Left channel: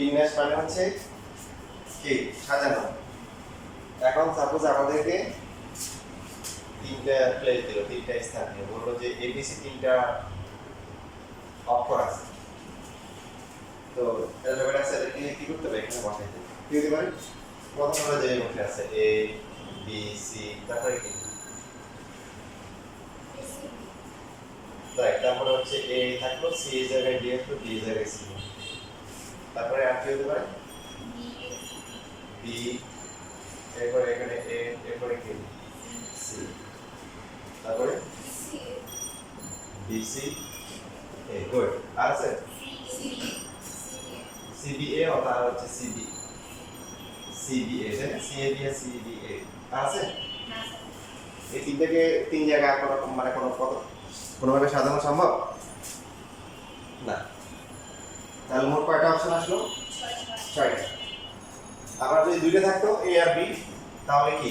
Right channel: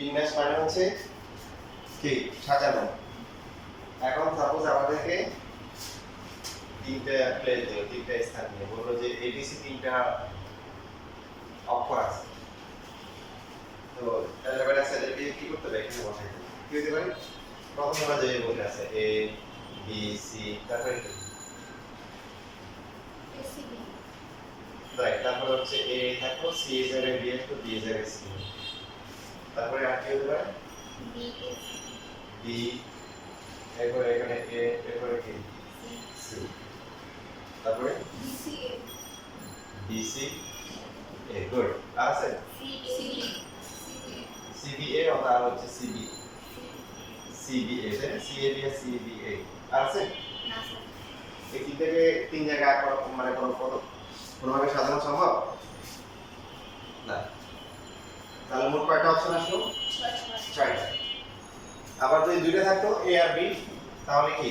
বিন্যাস মানে হচ্ছে কি সাজানো। এখন সাপোজ আমাদেরকে তিনটা প্লেস দিল, তিনটা স্থান দিল, বললো যে এবিসি তিনটা অক্ষর আছে। তো ব্যাপার আছে, এদেরকে কি করতে হবে, এখানে বসাইতে হবে। কি হতে পারে, প্রথম আমরা যে মধ্যে আছে এ বি সি, তারপরে কি রাইট, তারপরে হচ্ছে এ থাকলো, সি এর জায়গায় বি থাকলো, বি এর জায়গায় সি, তারপরে আর কি হতে পারে বি, এরপরে এখানে এ, এরপরে কি সি, তারপরে বি সি এ। গুড। আর আছে সিবিএ, অথবা হচ্ছে সিবি সিবিএ, তাই না, সিএবি আর সিবিএ। আর আছে এই তিন থেকে তিন জায়গায় কোনো মানে কোনোভাবে সাজানো সম্ভব না। তাহলে মোট কয়টা অপশন আসলো? ছয়টা। আবার যদি দুইটা থাকতো এ আর বি, তাহলে কি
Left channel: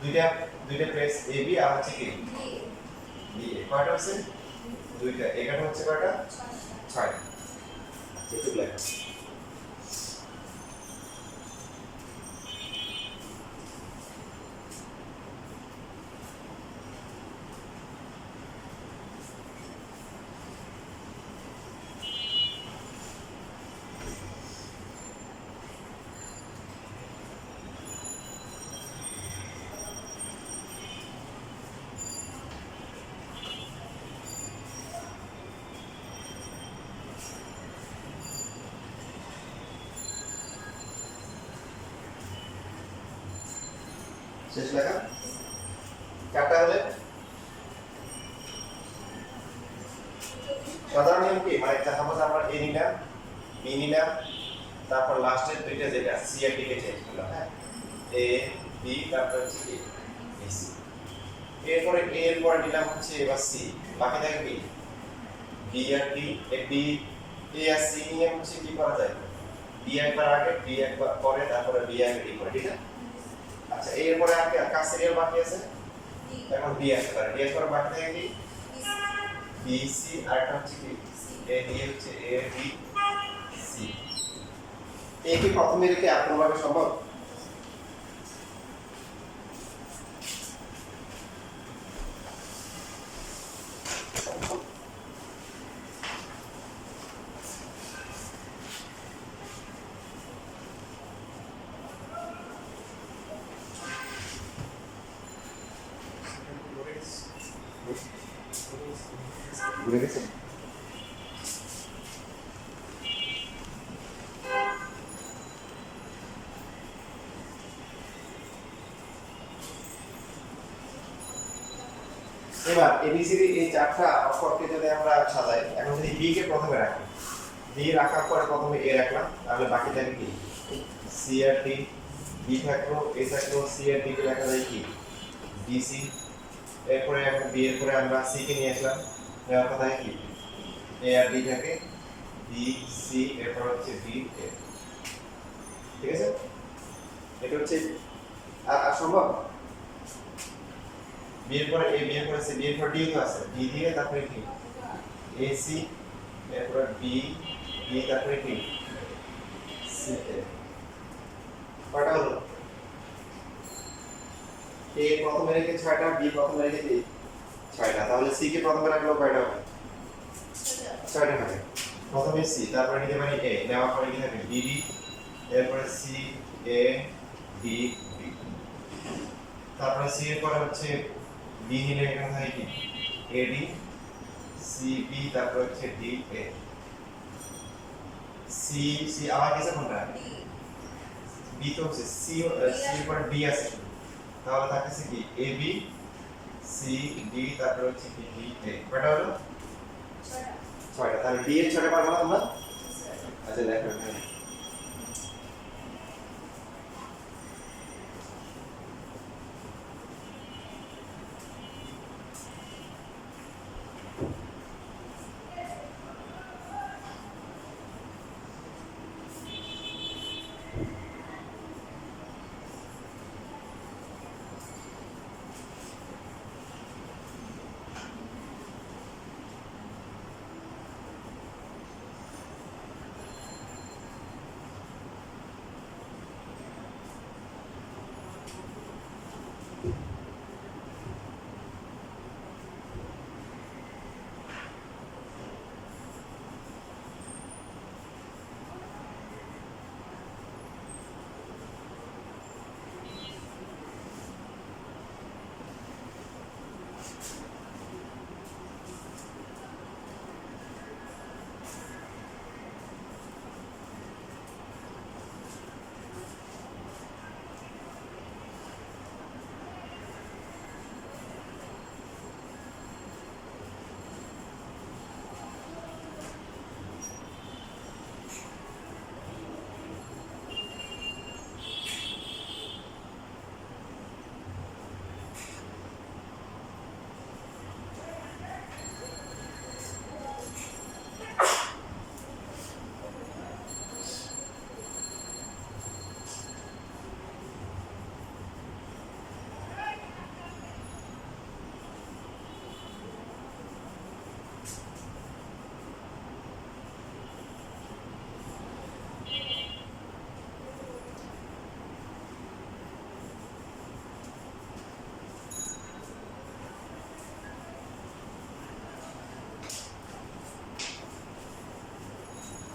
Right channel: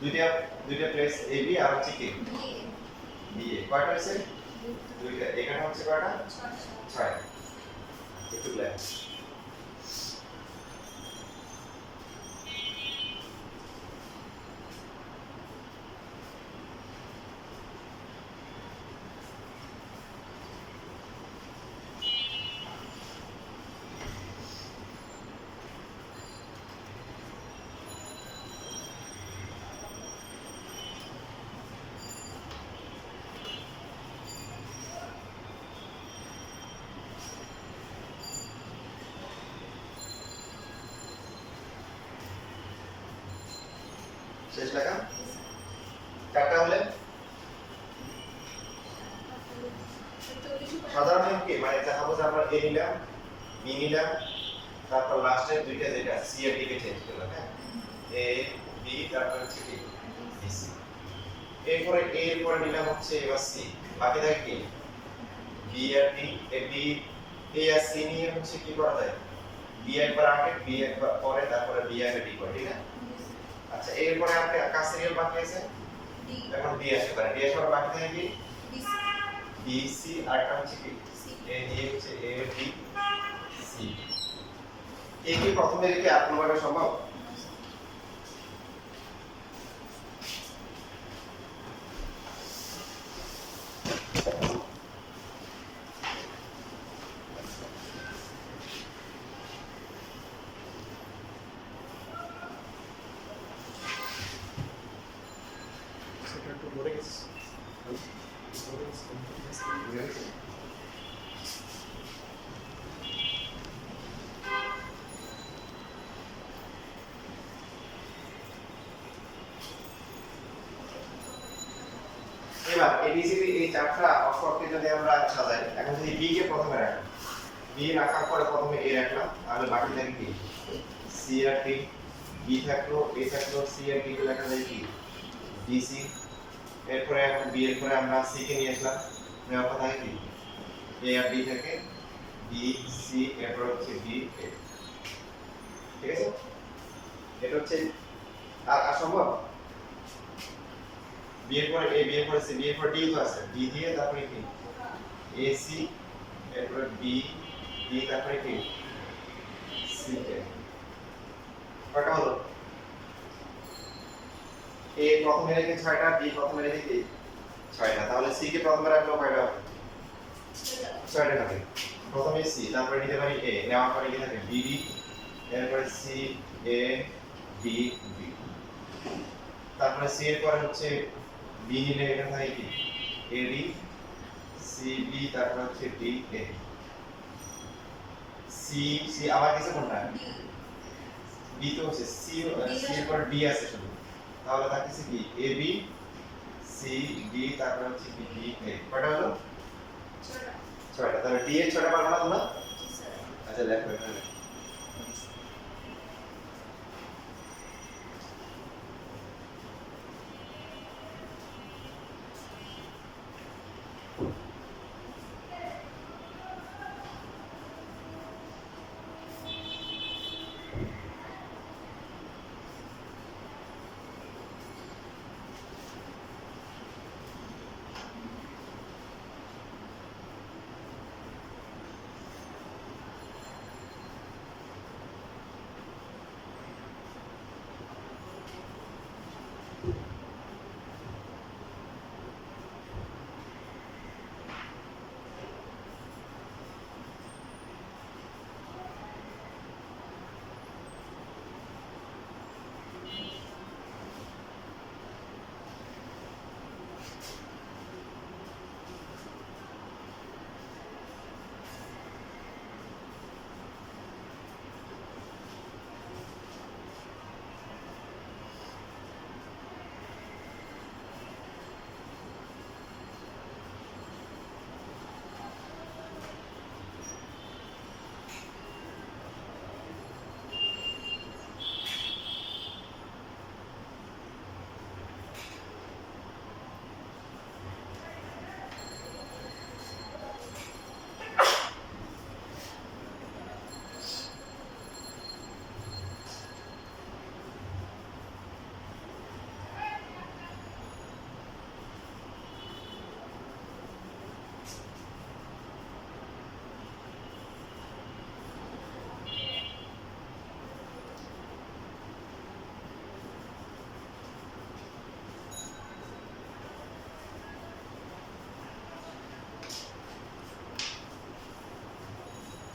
দুইটা দুইটা প্লেস এ বি আর হচ্ছে কি বি এ। কয়টা হচ্ছে? দুইটা। এখানে হচ্ছে কয়টা? ছয়। একটু ক্লিয়ার। শেষ লেখা কাটা হলে সাধারণ নিয়ম কি, মানে সাপোজ আমরা এ নিলাম, বি নিলাম, তারপর লাস্টের দুইটা যেটা সি আর ডি কে চেঞ্জ করলাম, হ্যাঁ, এ বি, তারপর হচ্ছে কি বি সি। এরপরে এ এর পরে নিলাম হচ্ছে এবার সি, বাকি থাকে কি B R D. A B A R C নিয়ে হচ্ছে কি করা যায়, বি একবার আগে, বি একবার পরে, তারপরে বি আগে ডি পরে, ঠিক আছে? আচ্ছা, এরপরে আর কার সিরিয়াল বাকি আছে? এখন ডি আসতে পারে, ডি এর পরে বাকি থাকে কি বি সি, আর একটা হচ্ছে কি এ দিয়ে হচ্ছে এ বি সি। এ কি প্রথমে রেখে আর কোনোভাবে সম্ভব? ঘুরে গেছে। এবার এবিসিডি এই চারটা অক্ষরকে যদি আমরা সাজাই, এখন যদি বি কে প্রথমে রাখি, বি রাখার পরে প্রথমে এ রাখলাম, তাহলে বাকি থাকে কি সি আর ডি। বি থাকলো, এ থাকলো, সি আর ডি কে লেখা যায় কি বিসি। এরপরে এখন বি এর পরে আমরা সি কে নিয়ে আসলাম, নেওয়ার কথা কি এ আর ডি থাকে, বি সি, এরপর হচ্ছে বি এ। ঠিক আছে, এটা হচ্ছে আর সম্ভব। বি এর পরে এ, বি এর পরে সি, বি এর পরে ডি তো আছে, ডি দিয়ে তারপরে কি এ সি, এরপরে বি বি, তারপরে কি সি এ। কয়টা হলো? এ প্রথমে রেখে ছয়টা, বি প্রথমে রেখে কি ছয়টা, তাহলে সি কে প্রথমে রাখলো কয়টা হবে? ছয়টা হবে। প্রথমে সি, তারপরে নিতে পারি এ, নেওয়ার পরে কি থাকে বি ডি, এরপরে সি এ ডি বি, তারপরে সি এর পরে হচ্ছে বি নিলে এখানে থাকে কি এ ডি সি বি, তারপরে হচ্ছে ডি এ। সি সি আবার কিছু কোনটা বি তো হচ্ছে সি, সি এর পরে ডি আছে শুধু, তাহলে থাকতেছে কি এ বি সি ডি, তারপরে হচ্ছে কি ডি এ। কয়টা হলো? ছয়টা। তাহলে ডি এর ছয়টা পারবো না তোমরা? আচ্ছা দেখো এখানে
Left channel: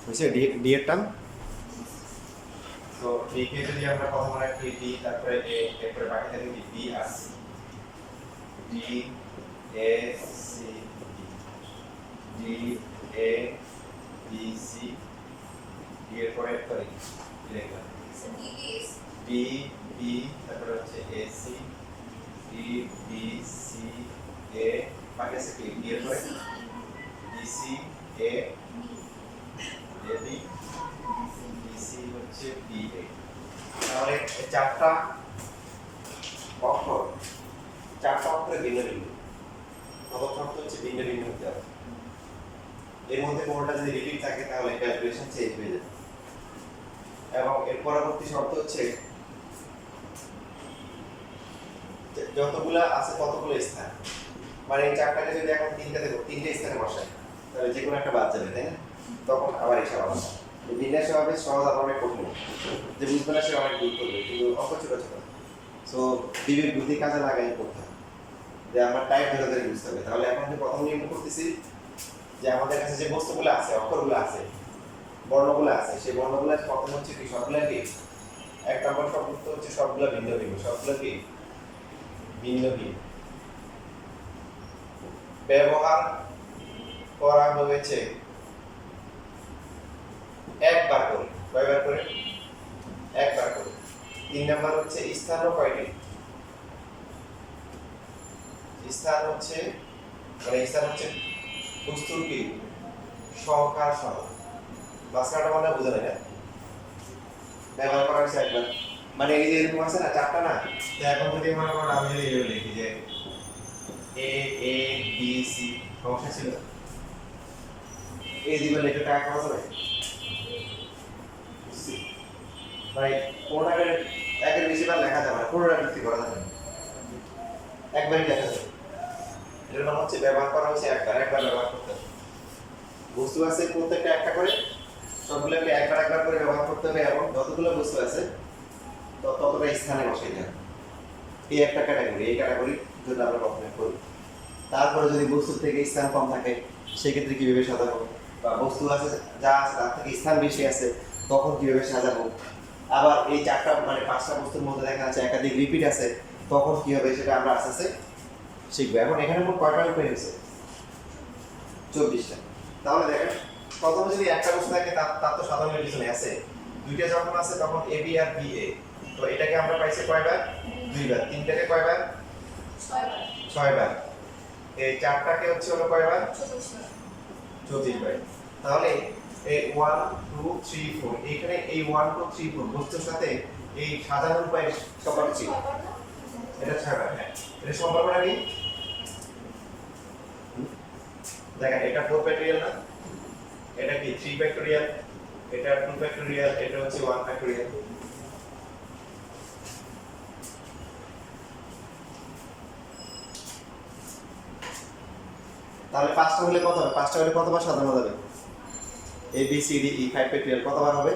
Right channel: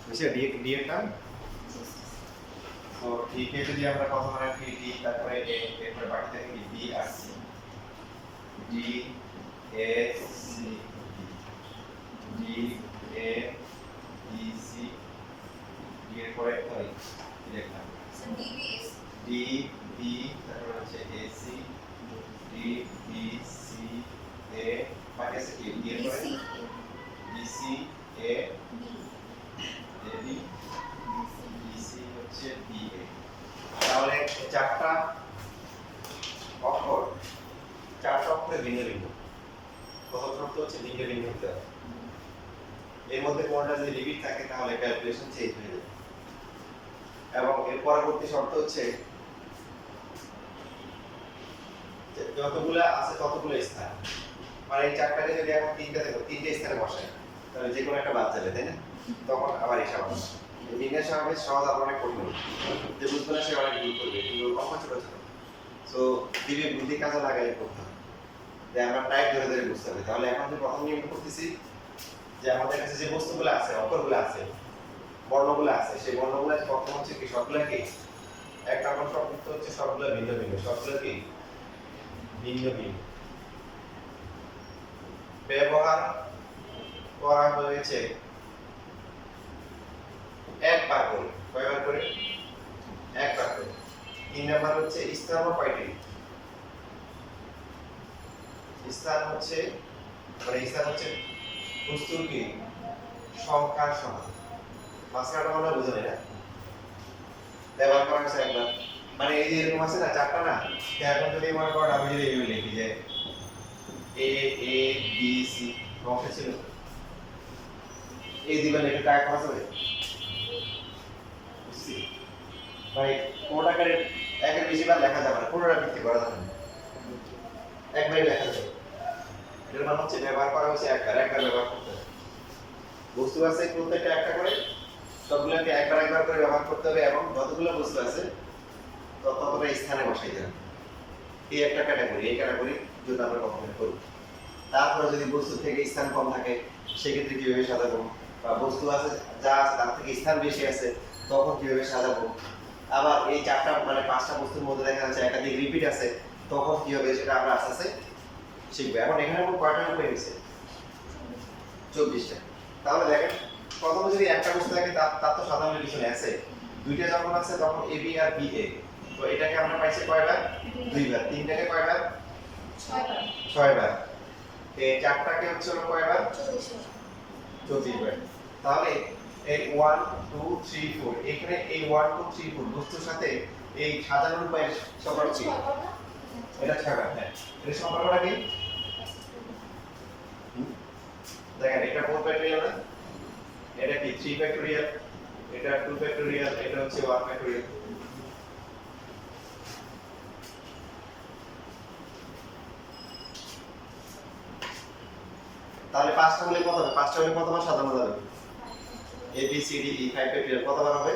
বুঝছে ডি এর টার্ম। তো ডি কে যদি আমরা প্রথমে রাখি ডি, তারপরে এ, এরপরে বাকি থাকে কি বি আর C, D A C D A B C, D এর পরে সরি কি লিখলাম ডি বি, তারপরে হচ্ছে A C D B C A, বাকি আছে কি ডি এর পরে B C A A B B C হচ্ছে বি এ। তাহলে চারটা অক্ষর, চারটা অক্ষরে ভিন্ন ভিন্ন, প্রথম শর্ত হচ্ছে ভিন্ন ভিন্ন হতে হবে। এর মধ্যে কোনটা যদি রিপিট থাকে তাহলে ক্যালকুলেশন চেঞ্জ হয়ে যাবে। এবং এর পরবর্তী শর্ত হচ্ছে যতগুলা আছে ততগুলো স্থান, মানে এই চারটাকে যদি এখন তিনটে স্থানে বসাই তাহলে যে কোনো একটা বাদ যাবে, তাই না? তখন আবার হিসাব হবে। বিন্যাস হবে সহজ, আবার অনেক কঠিন, যে বুঝবে না সে অনেক ভুল করবে, কিন্তু অঙ্ক ছোট ছোট। সো বিবেক বুদ্ধি কাজে লাগাই করতে হবে, যে আমরা টাইপ ধরে ধরে বুঝতে হবে। তাহলে এখন যে প্রথম নিয়ম করতেছি যে আমাদের কাছে যে বস্তুগুলো আছে, অক্ষরগুলো আছে, বর্ণগুলো আছে, সেই বর্ণগুলো প্রথম হচ্ছে কি সবগুলা কি, এক নম্বর শব্দ হচ্ছে সবগুলা ভিন্ন ভিন্ন, সবগুলা কি ভিন্ন ভিন্ন ব্যবহার করা হয়েছে একবার করে। কয়বার করে? একবার করে। 3 নাম্বার হচ্ছে স্থান কয়টি? স্থান হচ্ছে মানে স্থান হচ্ছে বস্তুর কি সংখ্যার সমান। মাঝখানটা মানে বুঝে নাই না, ব্যবহার করা হয়েছে একবার, মানে এই যে এরকম আছে না চারটা না, এখন যদি মনে করেন আমি যদি এইভাবে লিখি যে এ এ বি সি, সমস্যা ছিল? এই দিবেন এটা টাকা খরচ হবে, ভাই কোনটাকে একের বেশি বার লেখা যাবে না, কোনটা ভিত্তি করা যাবে না, একবারই লেখা যাবে। এর মানে হচ্ছে ব্যবহার করা হয়েছে একবার, একবার ব্যবহার করতে হবে। বস্তু আছে প্রত্যেকটা একটা করে, সবগুলোকে একবার একবার করে ব্যবহার করতে হবে, এবং যতগুলো বস্তু আছে ততটা স্থানে বসাইতে হবে। এই একটা ক্যাটাগরি, এই ক্যাটাগরি যদি আমরা প্রথমে করি। তারপরে যদি বস্তুর থেকে স্থান কম থাকে সেক্ষেত্রে কিভাবে সাজাবো, বা বস্তু আছে যা আছে তার থেকে স্থান বেশি আছে তখন কিভাবে সাজাবো, আবার এই চারটা মানে পাঁচটা বস্তুর মধ্যে দেখা যাচ্ছে একাধিক রিপিট আছে তখন কি হবে সেটা আমরা আস্তে আস্তে শিখবো। এখন এখানে মোট কয়টা রূপ হয়েছে? 24টা। তাহলে দেখেন প্রথমে যদি একটা বস্তু থাকে তার তো সাধারণ পিছনে আছে, দুইটা যখন আছে তখন A B R B A, তো এটাকে আমরা পাইছি কয়বার? দুইবার। তিনটাকে কয়বার? ছয়বার। এই চারটাকে হচ্ছে হলো কয়বার? 24 বার। তাহলে এই 1 2 3 4, এখানে এই 1 2 3 4 বস্তুর সাথে এই সাধারণ রূপের সম্পর্ক কি? এটা ছাড়া, হ্যাঁ এটা সম্পর্কটা কি? দেখেন এটা 4 ফ্যাক্টরিয়াল না, এটা কি 3 ফ্যাক্টরিয়াল, এটা 2 ফ্যাক্টরিয়াল, এটা হচ্ছে 1 ফ্যাক্টরিয়াল। তাহলে পাঁচটা হলে কত হবে? পাঁচটা হলে কতবার সাজানো যাবে? A B C D E 5 factorial কতবার হবে?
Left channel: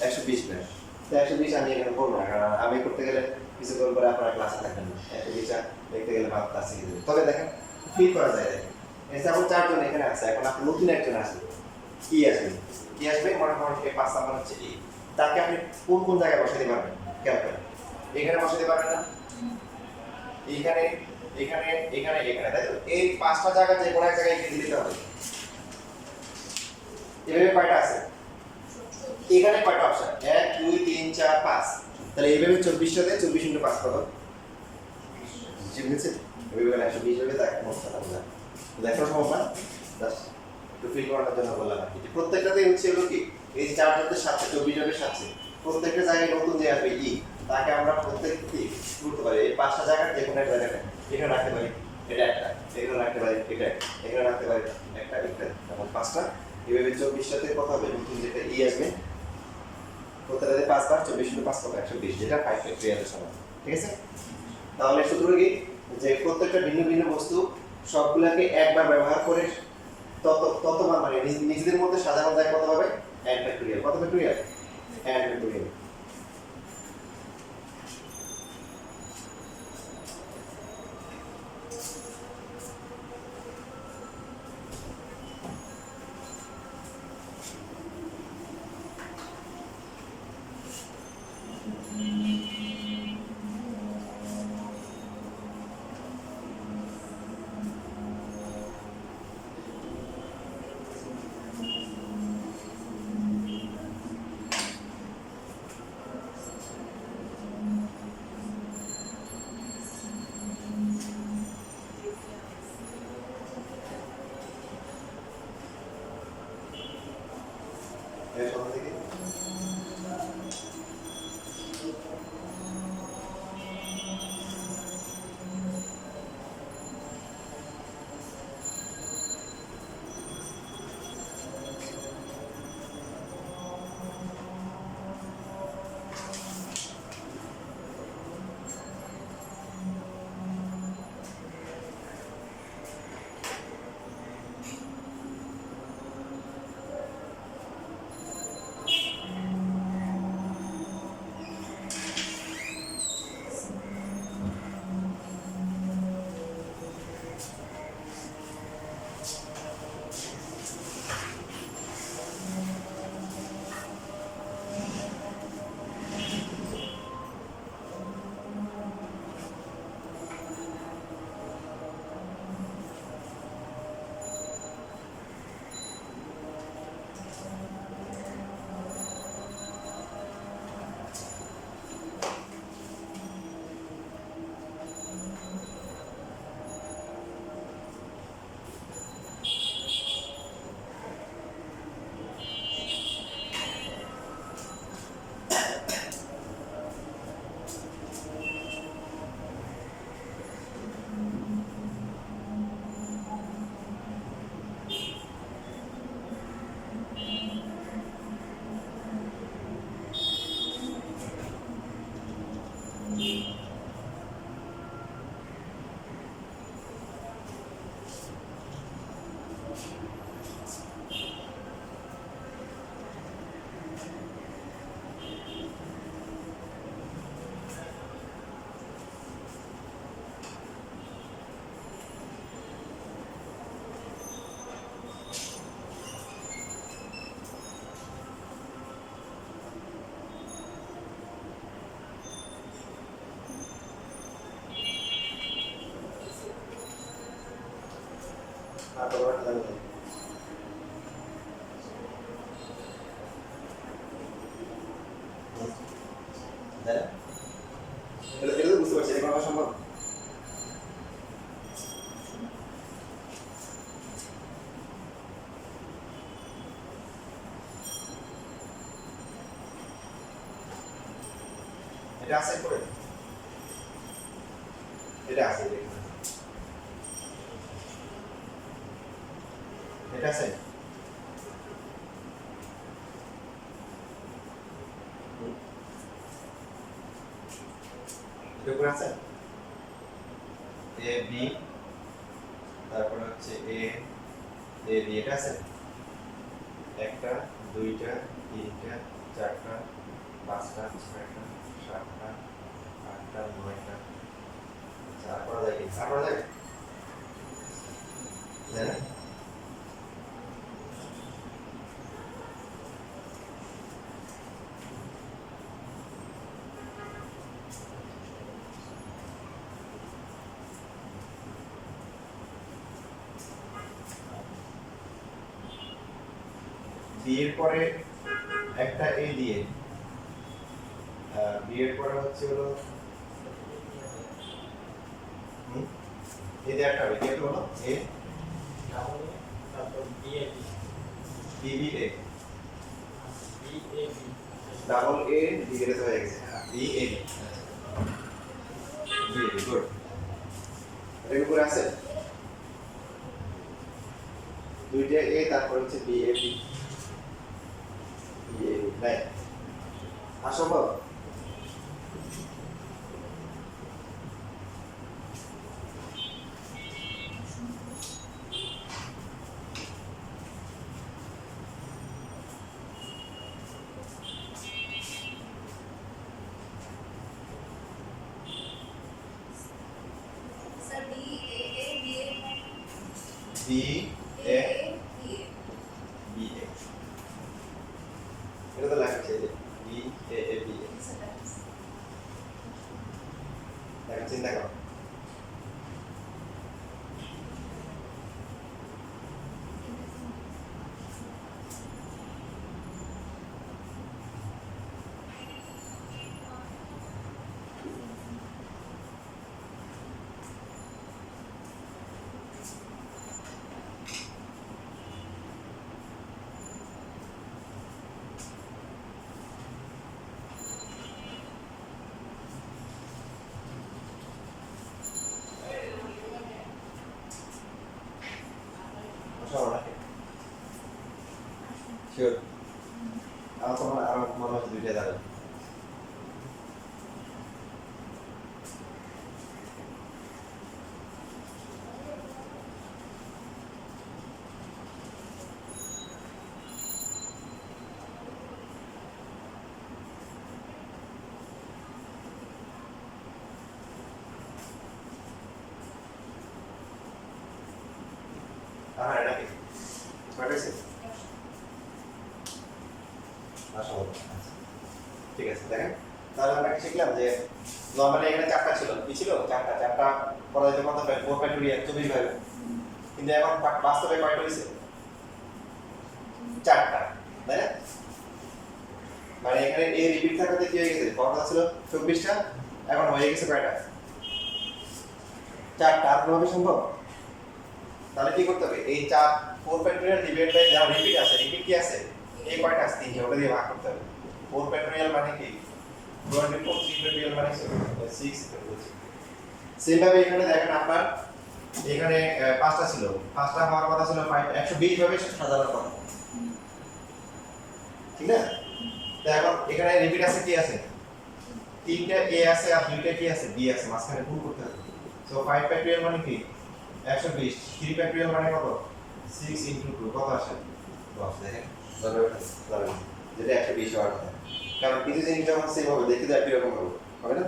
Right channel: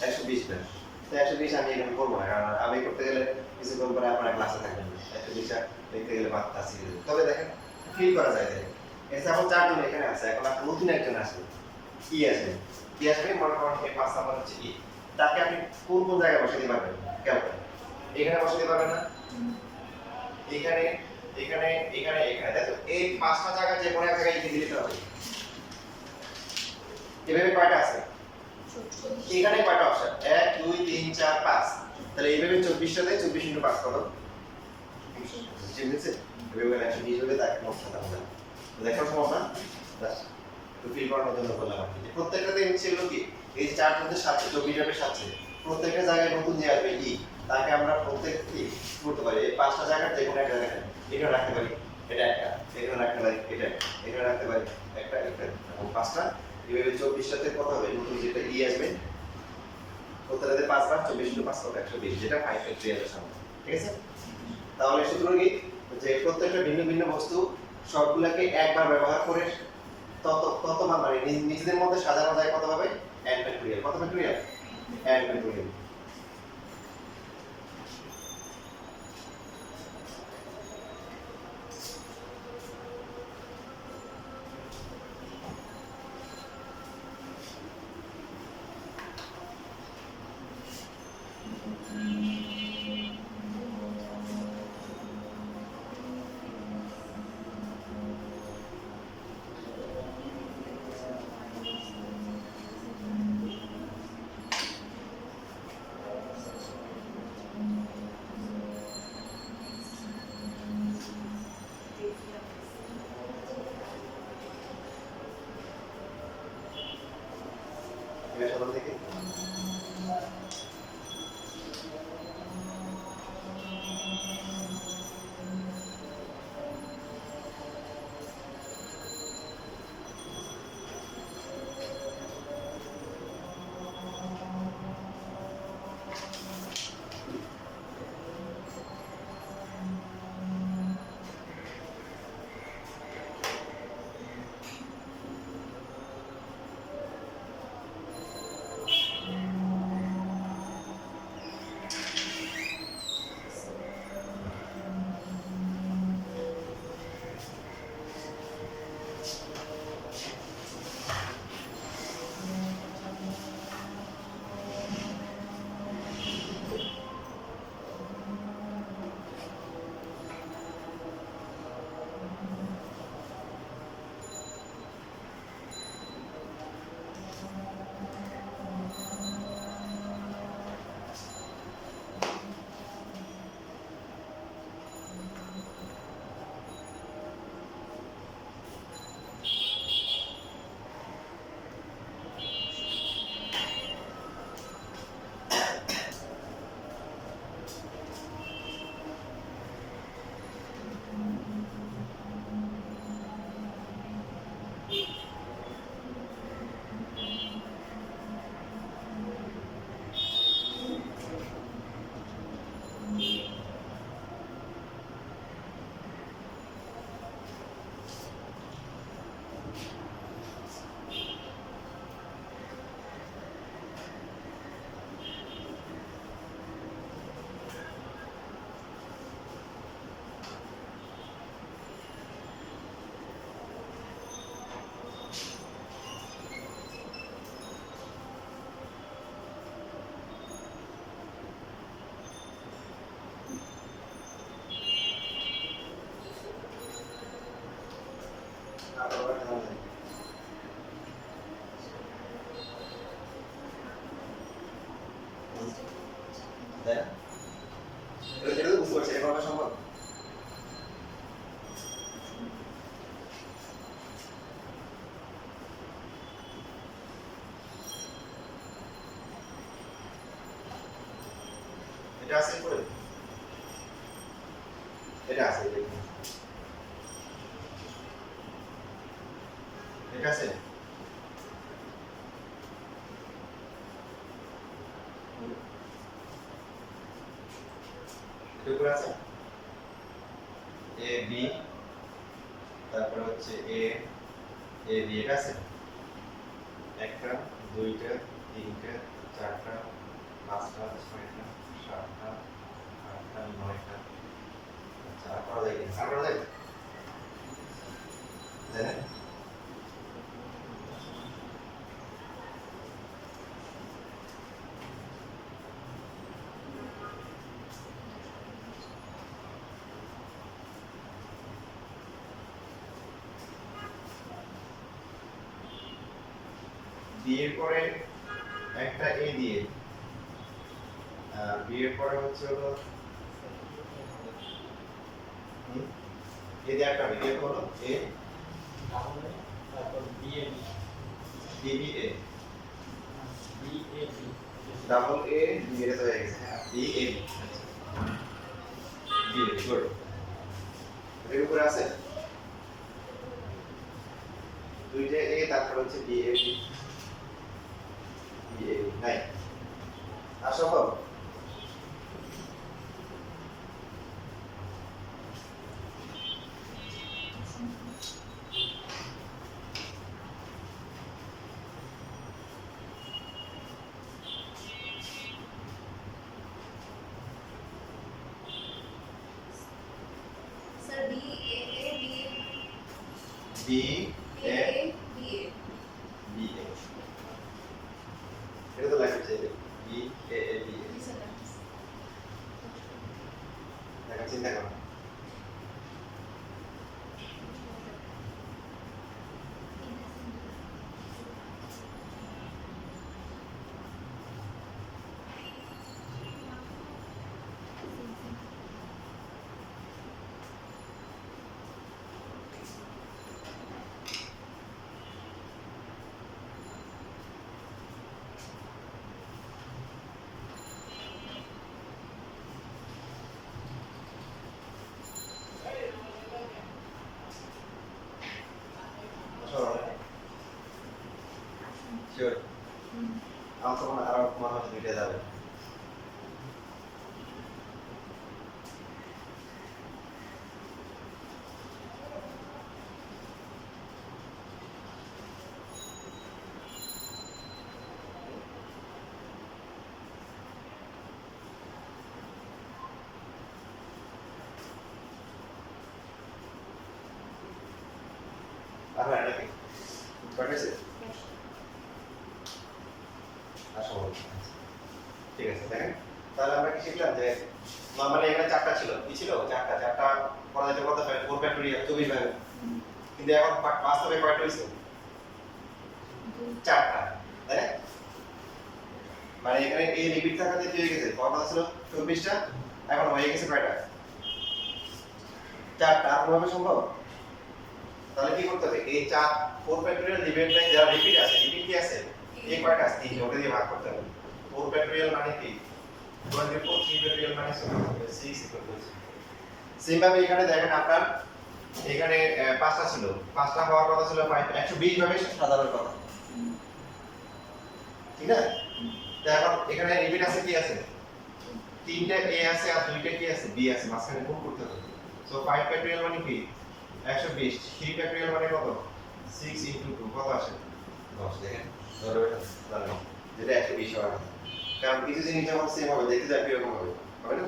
120 বার। তো 120 আমি এখানে করব না, কারণ আমি করতে গেলে কিছুক্ষণ পরে আপনারা ক্লাসে থাকবেন না, 120 টা দেখতে গেলে বাদ ক্লাসে গেলে। তবে দেখেন ফিল করা যায়। দেখেন এসে এখন চারজন এখানে আছে, এখন আপনি নতুন একজন আসবে, কি আসবে? কি আসবে? মনে করেন এই 5 নাম্বার হচ্ছে ই, তাকে আপনি কোন কোন জায়গায় বসাতে পারবেন? খেয়াল করেন, এখানে বসাতে পারবেন না, এখানে এখানে এখানে এখানে, তাই তো? এই পাঁচটা জায়গা যে কোনো এক জায়গায় লিখে দিতে হবে। এভাবে কয়টা আছে? এখানে কয়টা অপশন? 1 2 3 4 5। তাহলে এইভাবে 24 টাতে 24 × 5 কত? বুঝছেন? এইভাবে 120 হবে, তাকে মোট কথা বলা। দেখো সমস্যা জাস্ট তো ফিল করার জন্য বললাম আর কি, যে প্রত্যেকটাতেই হচ্ছে হলো কি এই চারটাতে 7 24 হবে 7, প্রত্যেকটা জায়গায় নতুন যে আসবে ই, তাকে আমরা প্রত্যেকটি করতে পারি এই পাঁচটা জায়গার যে কোনো এক জায়গাতে এটা রাখতে পারি, এটা একটা, এখানে রাখতে পারি, এটা এখানে রাখতে পারি, একটা একটা, এবং পাঁচটা এইভাবে 24 টাতে কত হবে? নতুন যেটা ই আসবে প্রত্যেকটাতে 5 বার, 24 × 5 কত? 120, যেটা 5 ফ্যাক্টরিয়ালের সমান। ঠিক আছে? তাহলে সূত্র কি, যে প্রত্যেকটা ভিন্ন ভিন্ন বস্তু সবগুলোকে একবার ব্যবহার করে ততবার মানে নিজেদের মধ্যে সাজানো যায় কত ভাবে? n factorial. কত ফ্যাক্টরিয়াল? n factorial. এটা সমান থেকে তারপর ধ্যান দেন তাই না এটা তো বুঝতে পারছি এটা করা সম্ভব এটা আছে করে এটা আছে এটা আছে এটা আছে এ বি তারপরে হচ্ছে এ এ বি এটা আছে একটা দুইটা তিনটা চারটা পাঁচটা ছয়টা সাতটা আটটা নয়টা আচ্ছা আর করা যায় আর করা যায় হ্যাঁ বি এর পরে একটা এ দিয়ে বি এর পরে হচ্ছে হলো এ দিয়ে একটা বি দিয়ে হলো এ তারপর B A B B B A B A B double A B এর তো হয়ে গেছে হ্যাঁ B A B B A good এর উপরে আছে দুইটা এ তারপর হচ্ছে B A B B A B নাই আর সম্ভব sir B A A B A B A B A B A এটা তো লেখা চাইলে বি এ এ বি এ দেখো চিন্তা করো শিওর আমার তো মনে হচ্ছে দুইটা যাবে হ্যাঁ নাকি কয়টা হয়েছে ঠিক আছে দেখেন তাহলে আমরা কি শিখলাম যে নরমালি এখানে চারটা ছিল কি ছিল চারটা করা যেতে কত পাই 4 ফ্যাক্টরিয়াল 24 ভাবে কিন্তু এখন বাস্তবে কয়টা হয়েছে চারটা তাই না মানে এখানে এই রিপিট থাকাতে কি হয়ে গেছে ফর্মুলা ছিল 24টা এখন হয়ে গেছে কয়টা চারটা আর ভাবে সম্ভব তাহলে কি করতে হবে এই 4 ফ্যাক্টরিয়াল ডিভাইড বাই যারা রিপিট আছে রিপিট কি আছে এই কয়টা আছে 3 ওটা দিয়ে ভাগ করতে হবে 4 ফ্যাক্টরিয়াল মানে কি 24 3 ফ্যাক্টরিয়াল মানে 6 সেম ভাবে এখানে দেখেন আপনার এখানে 5টা ছিল 5টা হওয়ার কথা ছিল 120 ভাবে সাজানোর কথা ঠিক না তো এখন এখানে রিপিট আছে কি আছে তিনটা a আছে আর দুইটা কি আছে b আছে মাঝখানে গুণ করতে হবে সো 5 ফ্যাক্টরিয়াল মানে কি 120 3 ফ্যাক্টরিয়াল মানে কত 6 ইনটু 2 কত আসে 10 দেখেন ধরো এটা ধরেন যেটা 120 হওয়ার কথা কারণ কিছু জিনিস যখন সেম হবে দেখতে যায় কিরকম হবে হবে না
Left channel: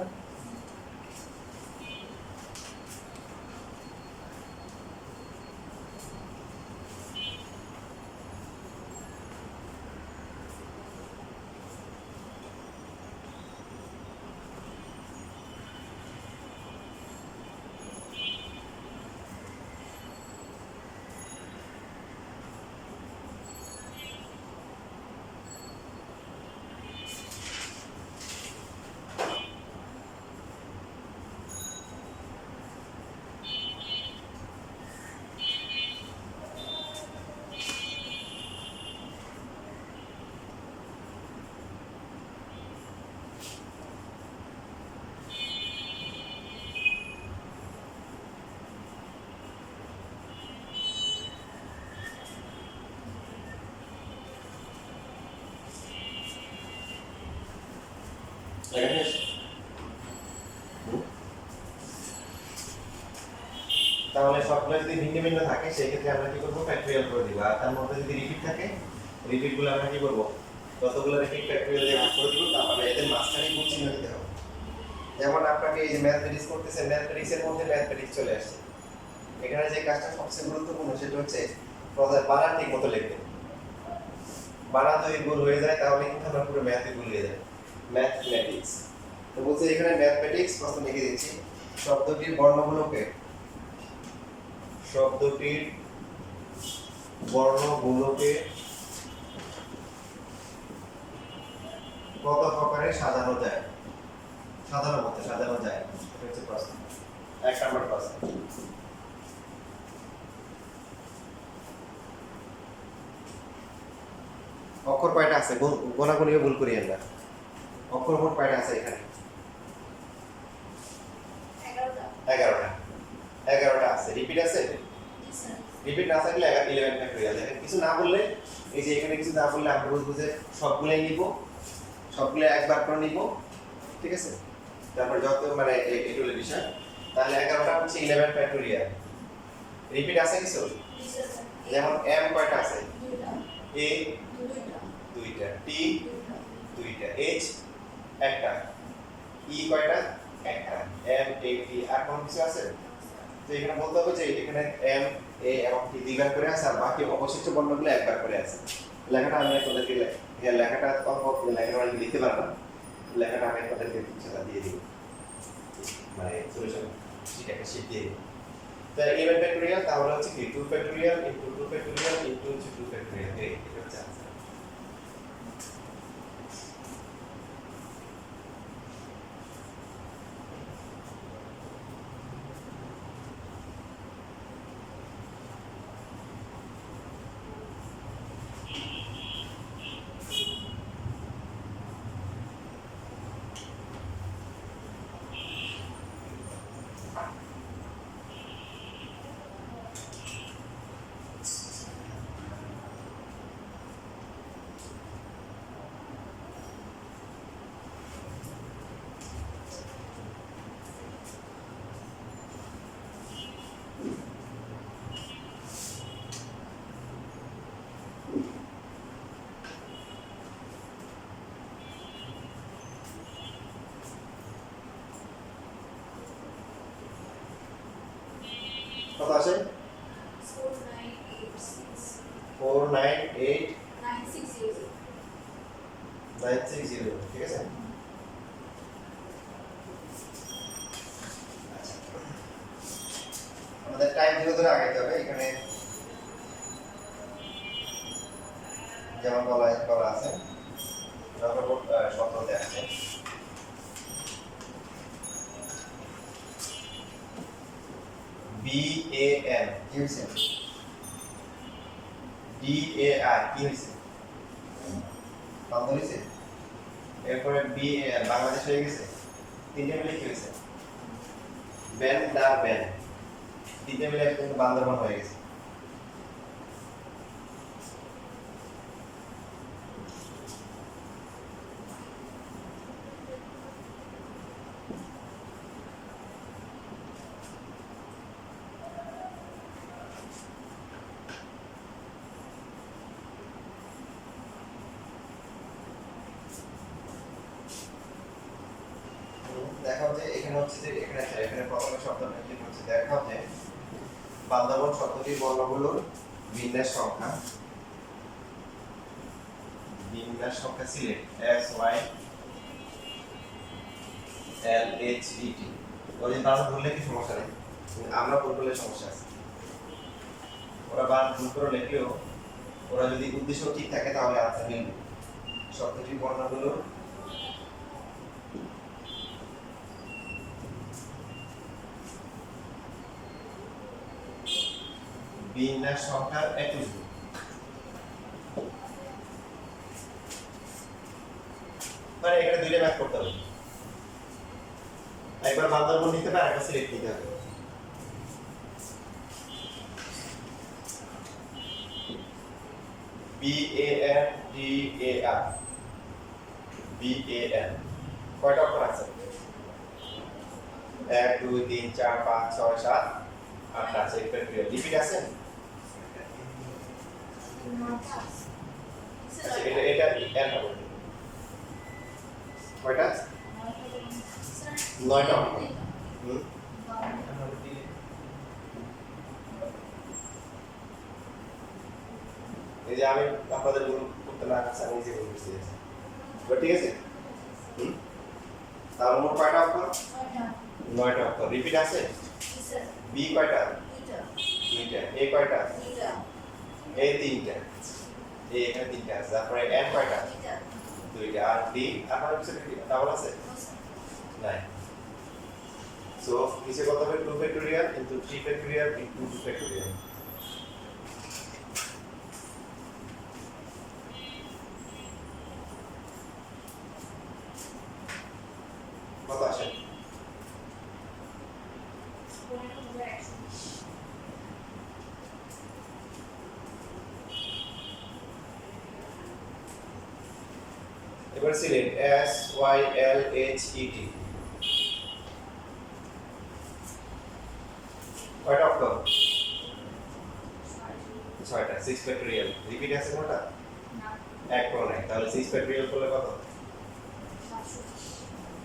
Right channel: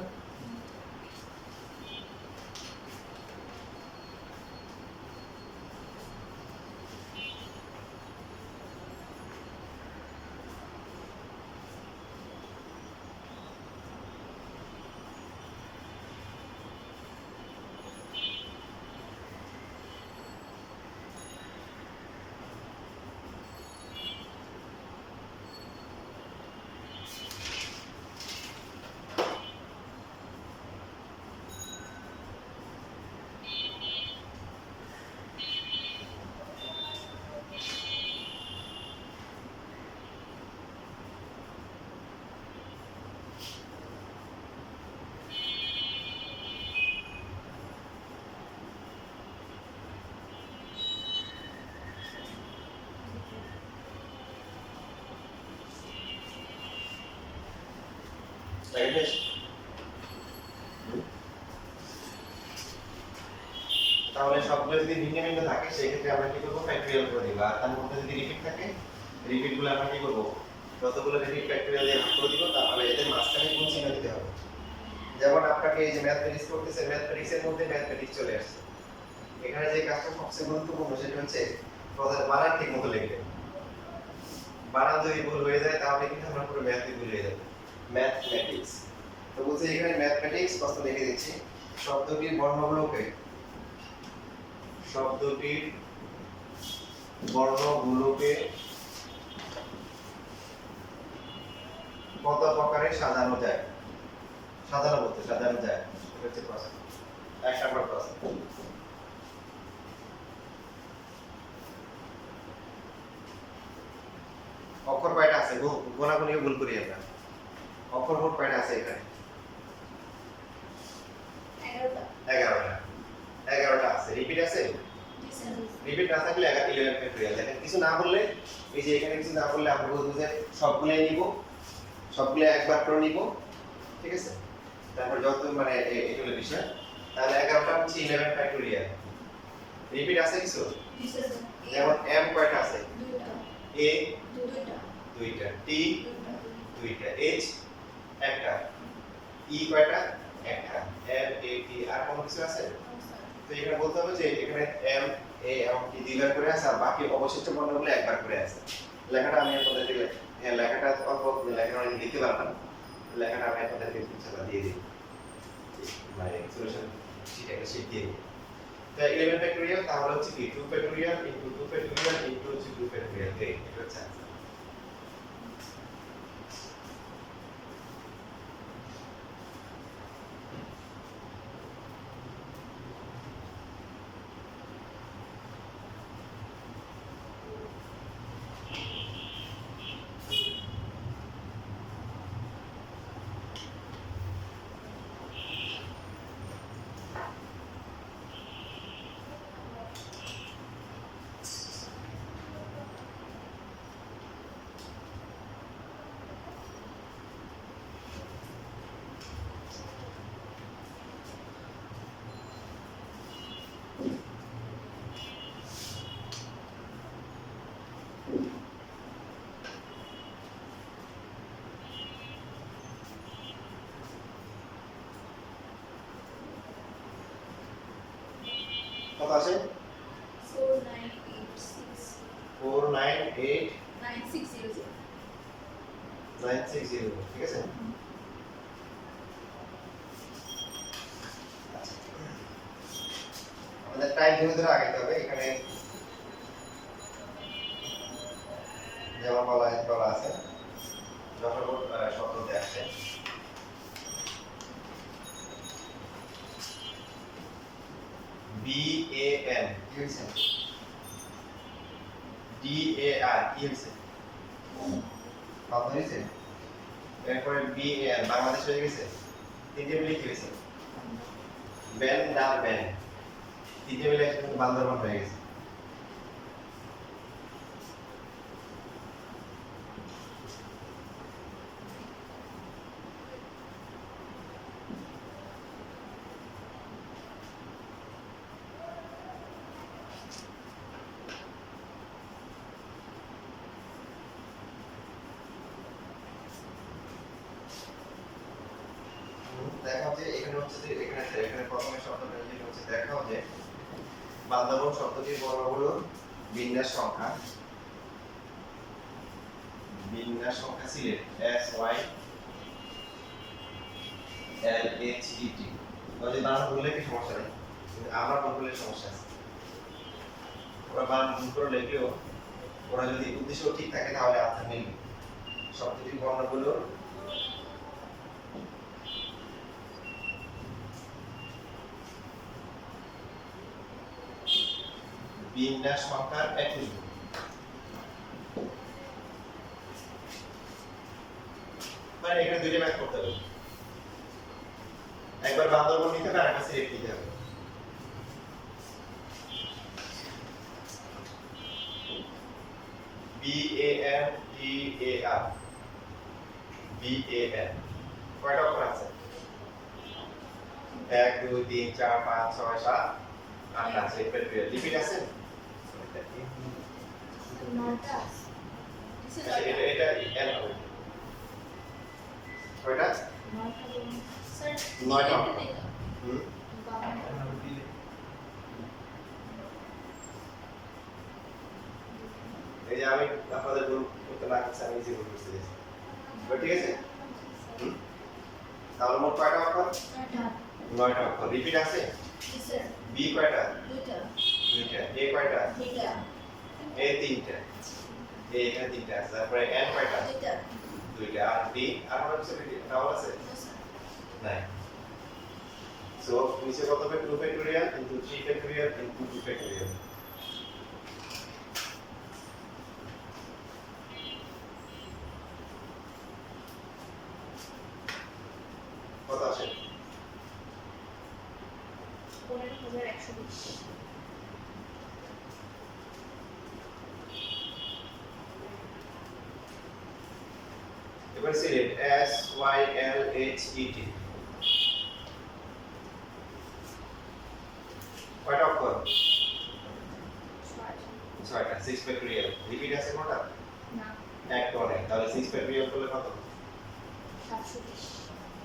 দেখেন তাহলে সবগুলো যদি ভিন্ন ভিন্ন থাকে সেই ক্ষেত্রে আমরা কি করব ফ্যাক্টরিয়াল করে দিব আর তার মধ্যে যদি রিপিট থাকে রিপিটগুলো আমরা কি করব যতগুলো রিপিট ফ্যাক্টরিয়াল দিয়ে ভাগ করে দিব তারপরে এদের মাঝখানে গুণ চিহ্ন দিতে হবে যেমন আপনাকে এই যে ম্যাথমেটিক্স করতেছেন ম্যাথমেটিক্সের মধ্যে ম্যাথমেটিক্স চলে আসছে এখানে যে কাজটা সবচেয়ে গুরুত্বপূর্ণ সেটা হচ্ছে বানান ঠিক মতো লিখবেন বানান যদি ভুল হয়ে যায় তাহলে কিন্তু আমরা পুরো ম্যাথই ভুলিয়ে যাব ম্যাথমেটিক্স তো বলতে এখানে ম্যাথমেটিক্স প্রশ্ন লিখে দিচ্ছি শব্দটির বর্ণগুলোকে কত প্রকারে সাজানো যায় সাজানো যায় এটা হচ্ছে প্রশ্ন 1 নম্বর প্রশ্ন অক্ষর কয়টা আছে গোনাগুনিও ভুল করি আমরা অক্ষর মোট কয়টা আছে এখানে 11টা আছে রিপিট আছে রিপিট না থাকলে 11 ফ্যাক্টরিয়াল দেখেন কিছু না বললে এই যে এখানে কিছু না বললে আমরা বলবো যে সবগুলাই নিব সবগুলো একবার করে নিব ঠিক আছে তারপর যত মানে এগুলো বিষয় তাহলে 11টা হচ্ছে 11 ফ্যাক্টরিয়াল রিপিট আছে কিছু যেমন m কয়টা আছে a দুইটা t দুইটা h একটা e কয়টা একটা m a t আর কোন কিছু আছে তো এখানে বলতে হবে যে এখানে m a এবং t দুইবার করে আছে আর বাকি অবশিষ্ট বর্ণগুলো একবার করে আছে লেখাটা আমি আপনাদেরকে লেখাটা অল্প লেখাটা আমি লিখতে পারবো না লেখাটা আমি আপনাদেরকে সেটা দিয়ে দিই মানে সলিউশন ঠিক একটা শীট দিয়ে দিই তো 11 ফ্যাক্টরিয়াল তাহলে হচ্ছে কি 2 factorial into 2 factorial into 2 factorial এটা হচ্ছে आंसर কত আসে 4986 498 9600 960, ঠিক আছে? আচ্ছা, আমাদের টাইম ধরে ধরে আগাইতে হবে। এখানে যেমন বলা আছে যথাবোধ শব্দতে আসছে BAN কি হয়েছে, DAR কি হয়েছে, বন্ধ হয়েছে। এরপরে BAN বাংলাদেশ হয়ে গেছে। তিনটে মিলে কি হয়েছে, ব্যান দার ব্যান, তিনটে মিলে কিন্তু বান্দরবান হয়ে গেছে। দেখাও যে এখানে হচ্ছে যে এখানে প্রথমে শব্দটা কি হচ্ছে, দেখাও যে বান্দরবন শব্দটির বর্ণগুলোর বিন্যাস সংখ্যা সিলেট SYLHET। ওই যে বানান ভুললে কি সমস্যা নেই, কিন্তু আমরা ভুল করলে সমস্যা আছে। ওরা বানান ভুল করে লেখলেও ওরা যদি উদ্দেশ্য ঠিক থাকে তাহলে আনসার মিলবে। শব্দটির বর্ণগুলোর বিন্যাস সংখ্যার 21 মানে এখানে দুইটা ম্যাচ করতে হবে, একবার বান্দরবন নিতে হবে, আরেকবার সিলেক্ট নিতে হবে। BANDAR BAN কয়টা অক্ষর আছে, 1 2 3 4 5 6 7 8 আছে। রিপিট আছে, আচ্ছা এটা এন হবে কয়টা, 9টা অক্ষর। এই যে আমি আপনাদের গুলো করতে না করছি, আমি নিজে করে বুঝতে গেছি, ঠিক আছে? তাহলে মোট কয়টা অক্ষর, 9টা অক্ষর। রিপিট আছে, বি কয়টা, 2টা, এ কয়টা, এ 3টা, এ এখানে 3টা আছে। তারপরে এন কয়টা, 2টা, আর ডি আর কোনো কিছু ডাবল আছে নাই। সো নিচে কত হবে, 2 factorial into 3 factorial into 2 factorial. কত আসে, 15120 এবার সিলেট SYLHET কয়টা অক্ষর, 6টা, 6 ফ্যাক্টোরিয়াল। রিপিট আছে কোনটা, এক কোনো নাই, তাহলে 6 ফ্যাক্টোরিয়াল করলে কত,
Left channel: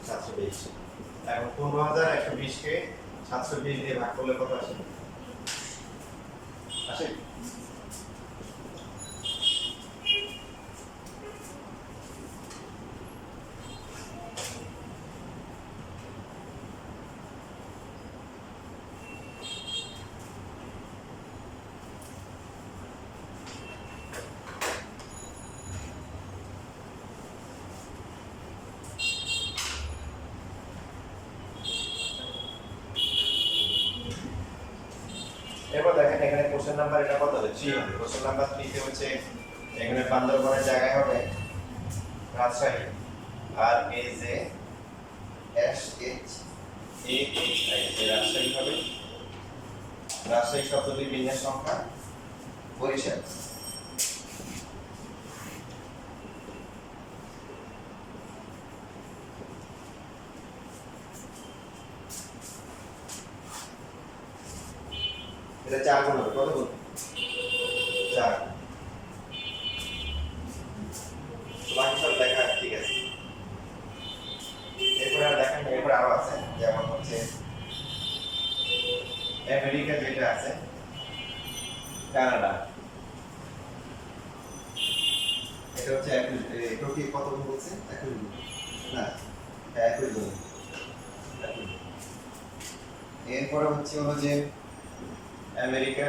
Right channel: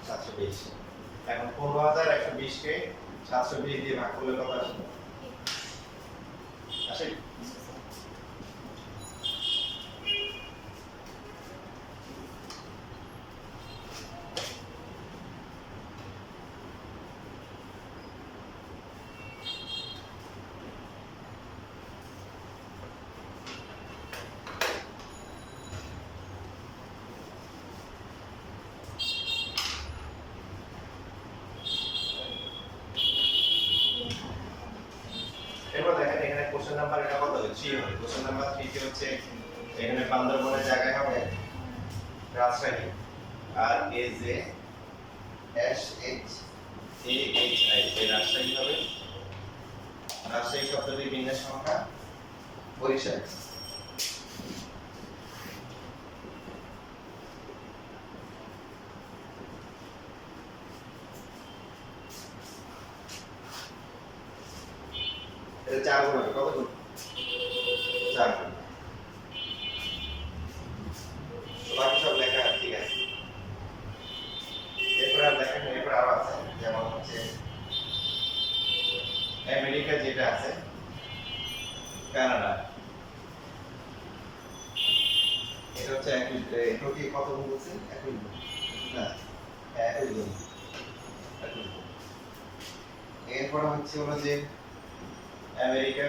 720। এখন 15120 কে 720 দিয়ে ভাগ করলে কত আসে, আসে এরপর দেখেন এখানে কোশ্চেন নাম্বার এটা কত হবে, 3 হবে। কোশ্চেন নাম্বার 3 তে হচ্ছে এখানে বান্দরবনের জায়গায় হবে রাজশাহী, আর A J S H A H I, যে রাজশাহী হবে। রাজশাহী শব্দটির বিন্যাস সংখ্যা বরিশাল। এটা 4 গুণ হবে, কত গুণ, 4 গুণ। বাকি সব লেখা ঠিক আছে। এরপরে আর দেখেন, এরপরে আরো আছে, যেমন হচ্ছে আমেরিকা যেটা আছে এটা হচ্ছে 21 এটা কি কত গুণ বলছে 21 গুণ না 21 গুণ 21 এরপরে হচ্ছে হলো যে আমেরিকা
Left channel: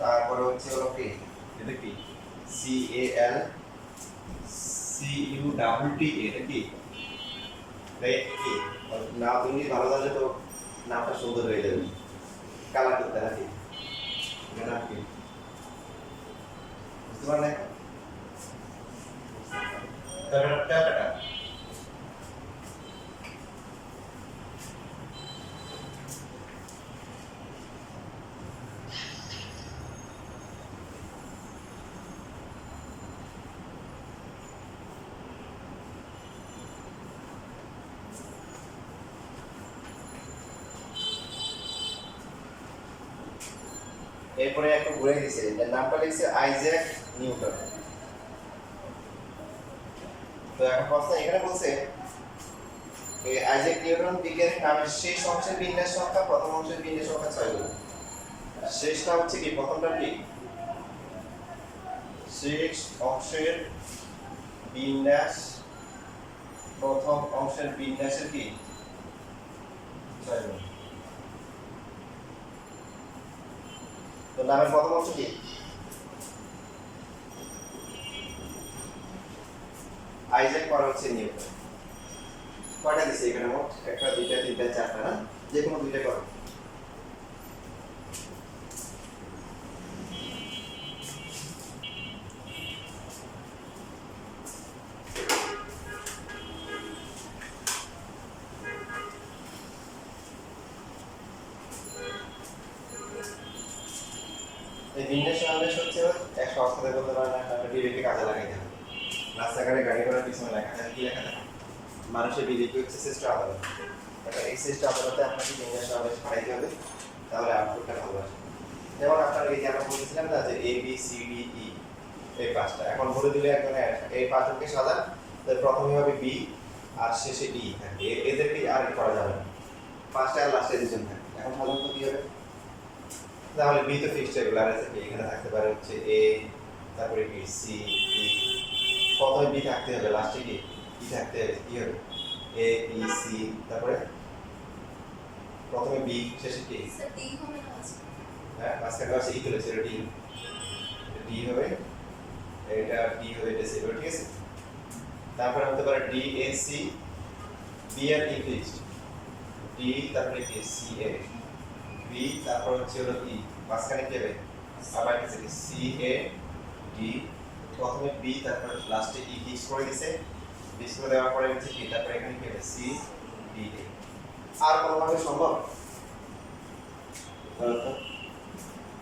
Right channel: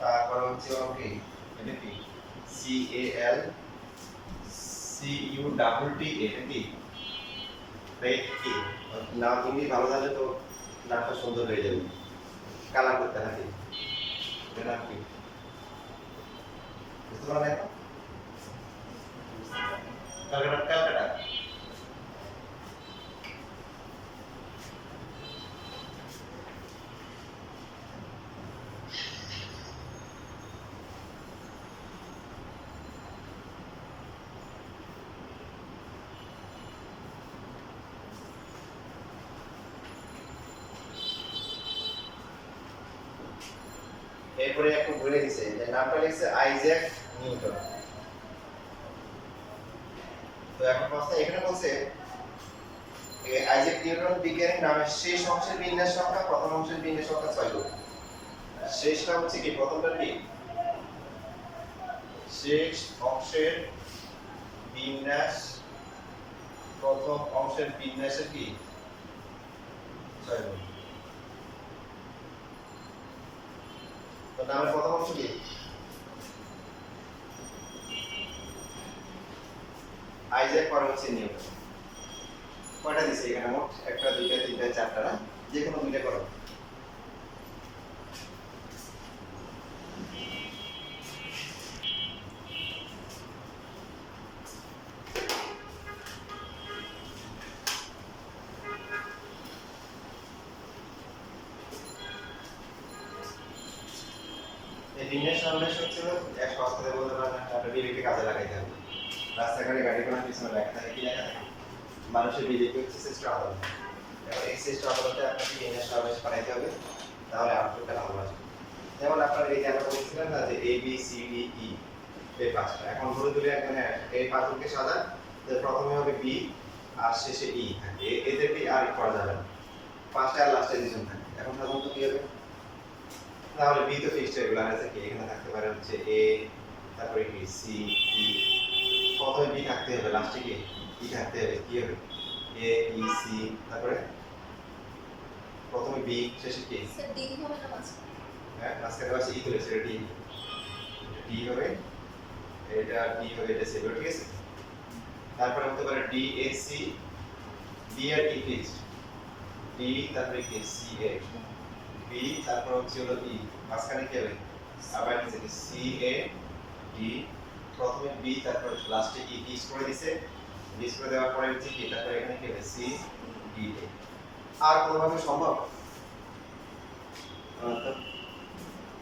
তারপরে হচ্ছে হলো কি এটা কি CAL CUTT এটা কি রাইট কি নাম ইংলিশ ভালো জানলে তো নামটা সুন্দর হয়ে যাবে কালার করতে নাকি এটা নাম কি বুঝতে পারলেন ক্যালকাটা এরপরে একটু ঘুরে দিছে এর নামটা লিখছে আইজ্যাক নিউটন তো এখন প্রশ্ন এখানে বলছে আইজ্যাক নিউটন বিজ্ঞানী নামের শেষ অংশের বিন্যাস সংখ্যা প্রথম অংশের বিন্যাস সংখ্যা 6 গুণ শেষটা হচ্ছে কি প্রথমটা কি শেষ অংশের বিন্যাস প্রথম অংশের বিন্যাসের কি 6 গুণ তো নামের প্রথম অংশ কি আইজ্যাক পরে হচ্ছে নিউটন কয়টা দিছে এখানে মোট একটা দুইটা তিনটা চারটা না যে কোনো দুইটা করো এই বিন্যাস সমাবেশ হচ্ছে এক সহজ কথা বলতে পারেন না আপনার বিবেকে কাজে লাগাইতে হবে রাস্তাঘাটে গাড়ি ঘোড়ার পিছনে লেখা থাকে কি লেখা থাকে মানুষের বিবেক হচ্ছে শ্রেষ্ঠ আদালত এবার এই শ্রেষ্ঠ আদালতে আপনাকে বিন্যাস সমাবেশ পাঠাইতে হবে তাহলে আউটপুটটা ভালো আসবে যেমন আপনার এই যে আমরা বলছিলাম না যে A B C D E এই পাঁচটা এখন বলে দিলে একদম এই পাঁচকে সাদা তো প্রথমে হবে B আর শেষে E থাকে এদেরকে আর করা যাবে না পাঁচটা আর লাস্টে দুজন থাকে এখন সাধারণত কি হবে তাহলে বি তো ফিক্সড রেগুলার আছে কি এখানে থাকতে পারে হচ্ছে এ তারপরে কি সি ই প্রথমে বি থাকতে হবে লাস্টে কি ই থাকতে হবে কি হবে এ ই সি তারপরে প্রথমে বি শেষে কি স্যার ডি হবে না মাঝে হ্যাঁ মাঝখানে আছে ই তুলেছে এটা ডি হবে এটা ডি হবে এটা সি হবে ঠিক আছে তারপরে হতে পারে ডি এ সি বি আর ই ফিক্সড ডি তারপরে কি সি এ বি তারপর হচ্ছে হলো ই মাঝখানে কি হবে আবার কি আছে সি এ ডি প্রথমে বি তারপর লাস্টে ই ফিক্স করে দিয়েছে ফিক্স করে দেওয়ার পরে হচ্ছে কি তারপর এখানে কি হবে সি ডি এ আর কোনোভাবে সম্ভব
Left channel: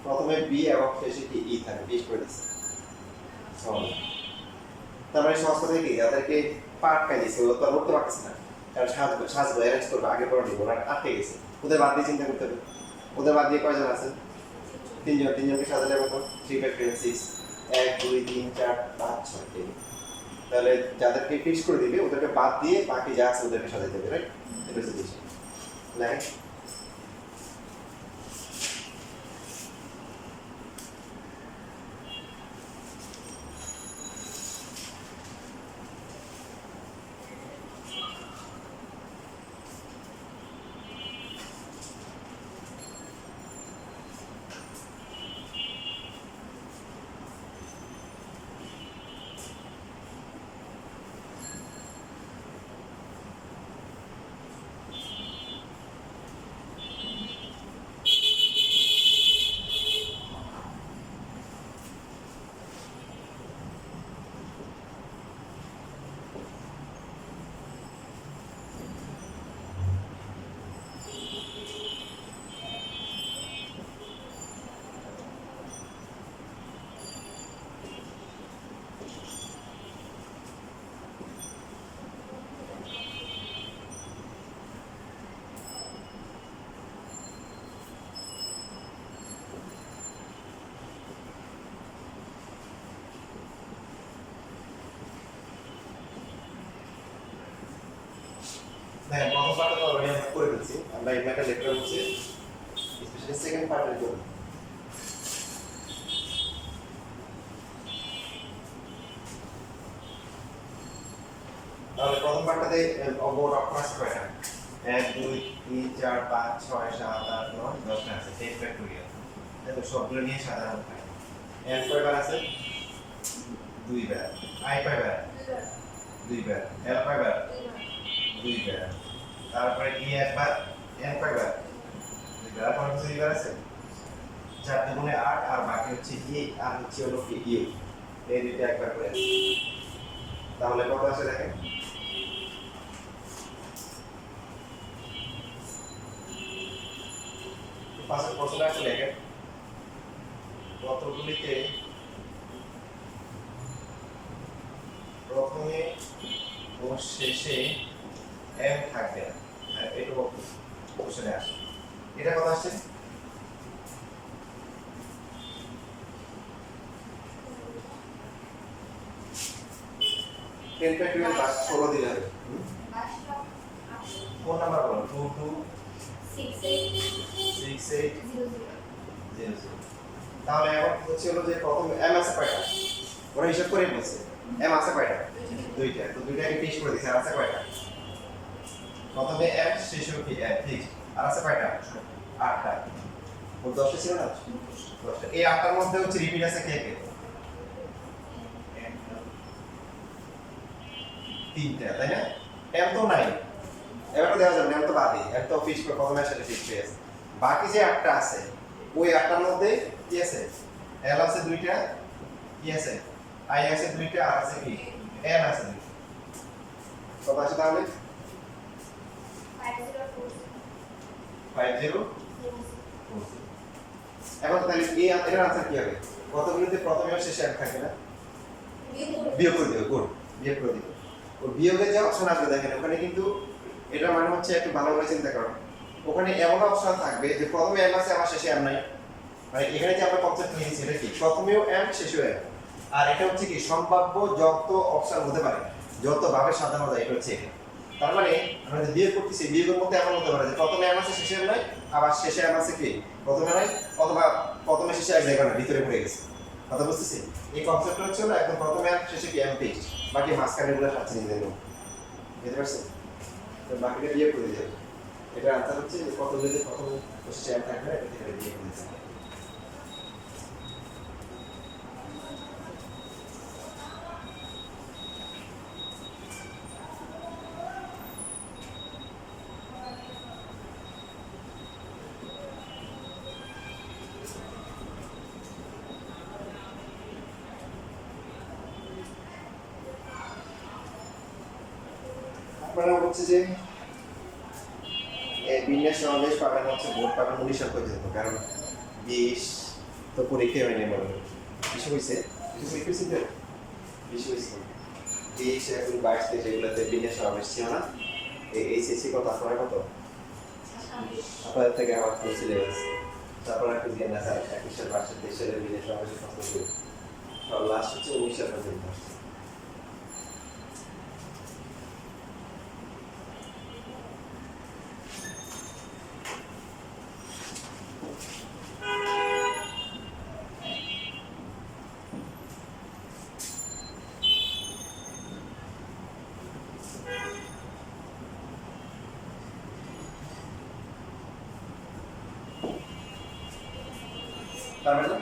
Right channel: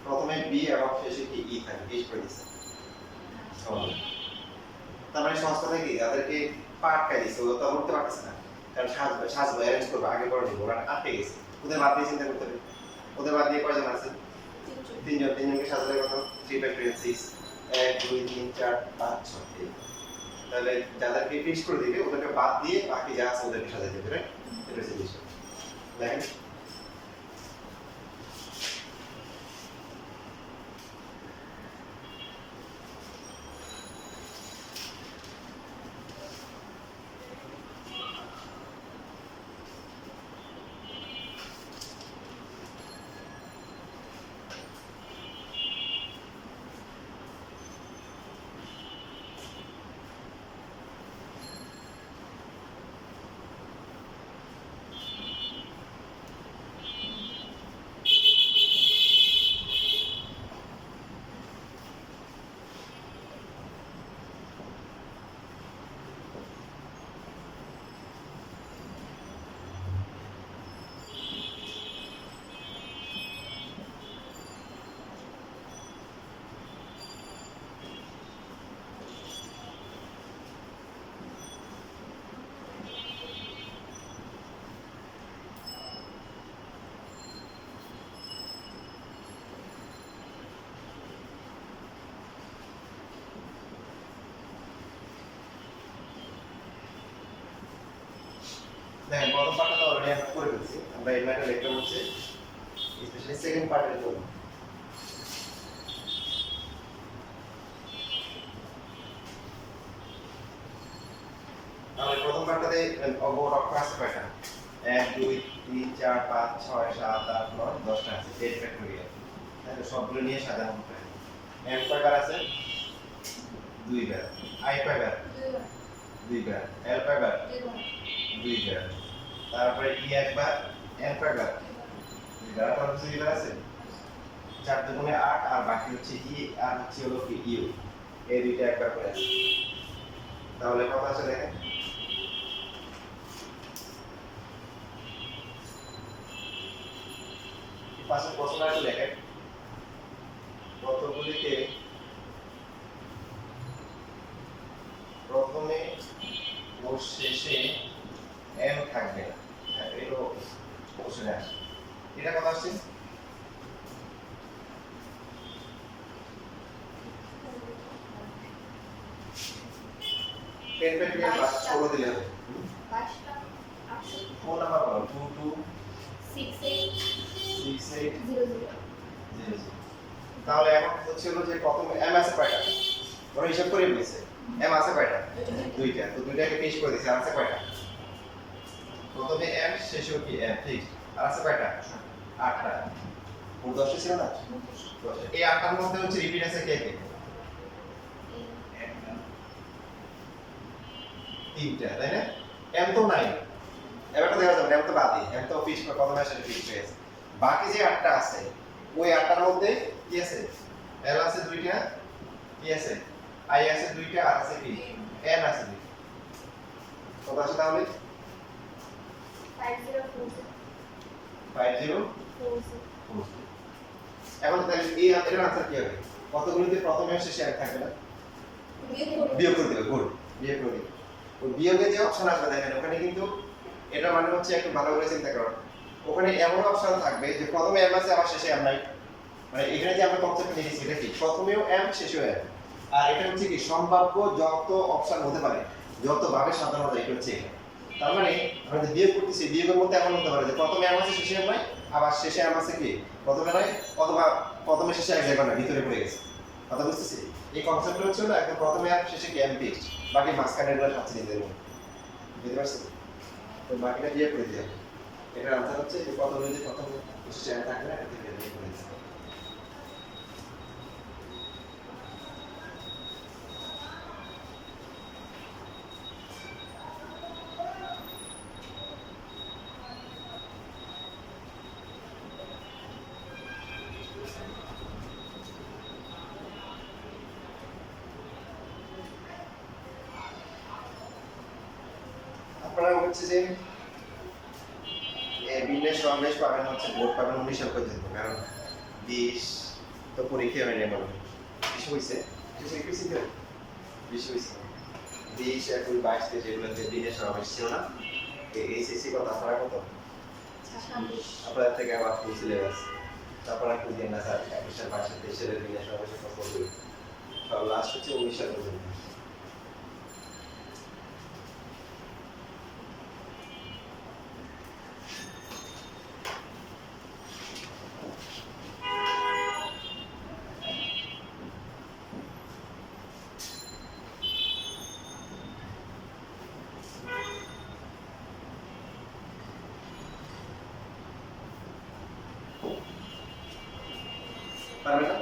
প্রথমে বি এবং শেষে কি ই থাকে ফিক্স করে দিয়েছে সম্ভব তার মানে সংস্থা থেকে যাদেরকে পাটকাই দিয়েছে ওরা তো আর উঠতে পারতেছে না কারণ সাজবো অ্যারেঞ্জ করবো আগে পরে দিব ওরা আটকে গেছে ওদের বাদ দিয়ে চিন্তা করতে হবে ওদের বাদ দিয়ে কয়জন আছে তিনজনকে সাজালে কত 3 বাই 26 1 2 3 4 5 6 তাহলে যাদেরকে ফিক্স করে দিবে ওদেরকে বাদ দিয়ে বাকি যা আছে ওদেরকে সাজাতে হবে রাইট এটা হচ্ছে বিষয় দেখেন দেখেন প্রথম পার্টটা তো অলরেডি আমরা করে ফেলছি আমরা এই ম্যাটার লেখা হচ্ছে স্পেশালি সেকেন্ড পার্টের জন্য পার্টটাতে মোট অক্ষর আছে কয়টা? 1 2 3 4 5 6 7 8 9 10টা আছে 10 ফ্যাক্টরিয়াল। তাই তো সবগুলো নিয়ে সাধারণ কাজ। n কয়বার আছে? 2 বার। i কয়বার? 2 বার। l কয়বার? 2 বার। তারপরে e একবার, n কয়বার? 2 বার। আর কোন কিছু 2 বার আছে? 4 দুগুণে 8 আর বাকি হচ্ছে e আর হচ্ছে হলো কি u। এই দুইটা একবার করে আছে। তাহলে কত আছে দেখেন? পাঁচের প্রশ্নটা একটু দেখেন কতগুলিতে প্রথমে ও শেষে m থাকবে না। হ্যাঁ, এটা কোশ্চেনে আসে। এটা কত আসছে? 10 ফ্যাক্টরিয়াল প্লাস 16 দিলে হবে। ফোন নাম্বার বলো 22 68 00। তাহলে এখন হচ্ছে হলো যে প্রথমে m আছে কয়টা? ওরা হিসাব করে বলছে m আছে কয়টা? দুইটা। তো দুইটাকে ফিক্স করে দিছে। আর আছে কয়টা? প্রথমে m শেষেও কি m ফিক্স। আর আছে কয়টা? 8টা। মোট 10টা ছিল না? 10টা। এই 8টার মধ্যে হচ্ছে রিপিট আছে কে কে? 3টা, তাই না? m তো নাই। এবারে দেখা যাবে m তো বাদই। m তো ফিক্স করে প্রথমে সাথে ফিক্স হয়ে আছে। বাকি যে 8টা আছে ওই 8টার মধ্যে কি আছে? l আছে দুইটা, কি আছে? i আছে দুইটা আর আছে কি? n আছে দুইটা। কত আছে তাহলে? 50 এখন তাহলে এই এর আনসার কি হবে? কতগুলিতে প্রথমে আর শেষে m থাকবে না? বিয়োগ করে দিবে। গুড, বিয়োগ করে দিবে। ও বিয়োগের যে অপশন আসবে দেখেন ওখানে কিন্তু এটা মানে হচ্ছে একটু ভালো করে চিন্তা করো। ওখানে এমন অপশন থাকবে যে প্রথমে m আছে আবার শেষে m নাই। মানে এখানে যে আমরা কনসেপ্ট নিয়েছি এটা কি? প্রথমেও m শেষেও m। আর এটা হচ্ছে কি সম্ভাব্য যত অপশন হতে পারে, যত ভাবে সাজানো যায় এটা হচ্ছে এটা। তার মানে আমরা যে বিয়োগ করতেছি বিয়োগের মধ্যে এমন হতে পারে যে প্রথমে m আছে শেষে m নাই, আবার শেষে m আছে কি প্রথমে নাই, অথবা প্রথমে শেষে এক জায়গায় না ভিতরে পড়ে গেছে। কথা বুঝতেছি? এই কনসেপ্টটা হচ্ছে হলো একদম প্রথমে আর শেষে কি m ফিক্সড, বাকি মাঝখানে গুলো সাথে নিজেদের মধ্যে। বুঝতে পারছেন? তো বাকিটা বিয়োগ করে দিতে হবে। এটার আনসার হচ্ছে যে কতগুলিতে প্রথমে শেষে m থাকবে না এটা থেকে বিয়োগ করে দিতে হবে। আপনারা হচ্ছে যে বিন্যাস সমাবেশ পাবেন হচ্ছে ভোট পাবেন 19 সাল পর্যন্ত, কারণ 20 তো পরীক্ষা হয়নি বলে 20 হয়েছে 20 হয়েছে 20 এখন 22 তে যেগুলোতে বিন্যাস সমাবেশ ছিল না এইচএসসি কত আপনারা কত আপনাদের থেকে আমার ফুল সিলেবাস আপনারা একটু জ্ঞান আছে 21 সাল 22 সাল 23 সালের বিন্যাস সমাবেশের প্রশ্ন করি সব লাস্ট হচ্ছে 19 সাল পর্যন্ত। পারবে না?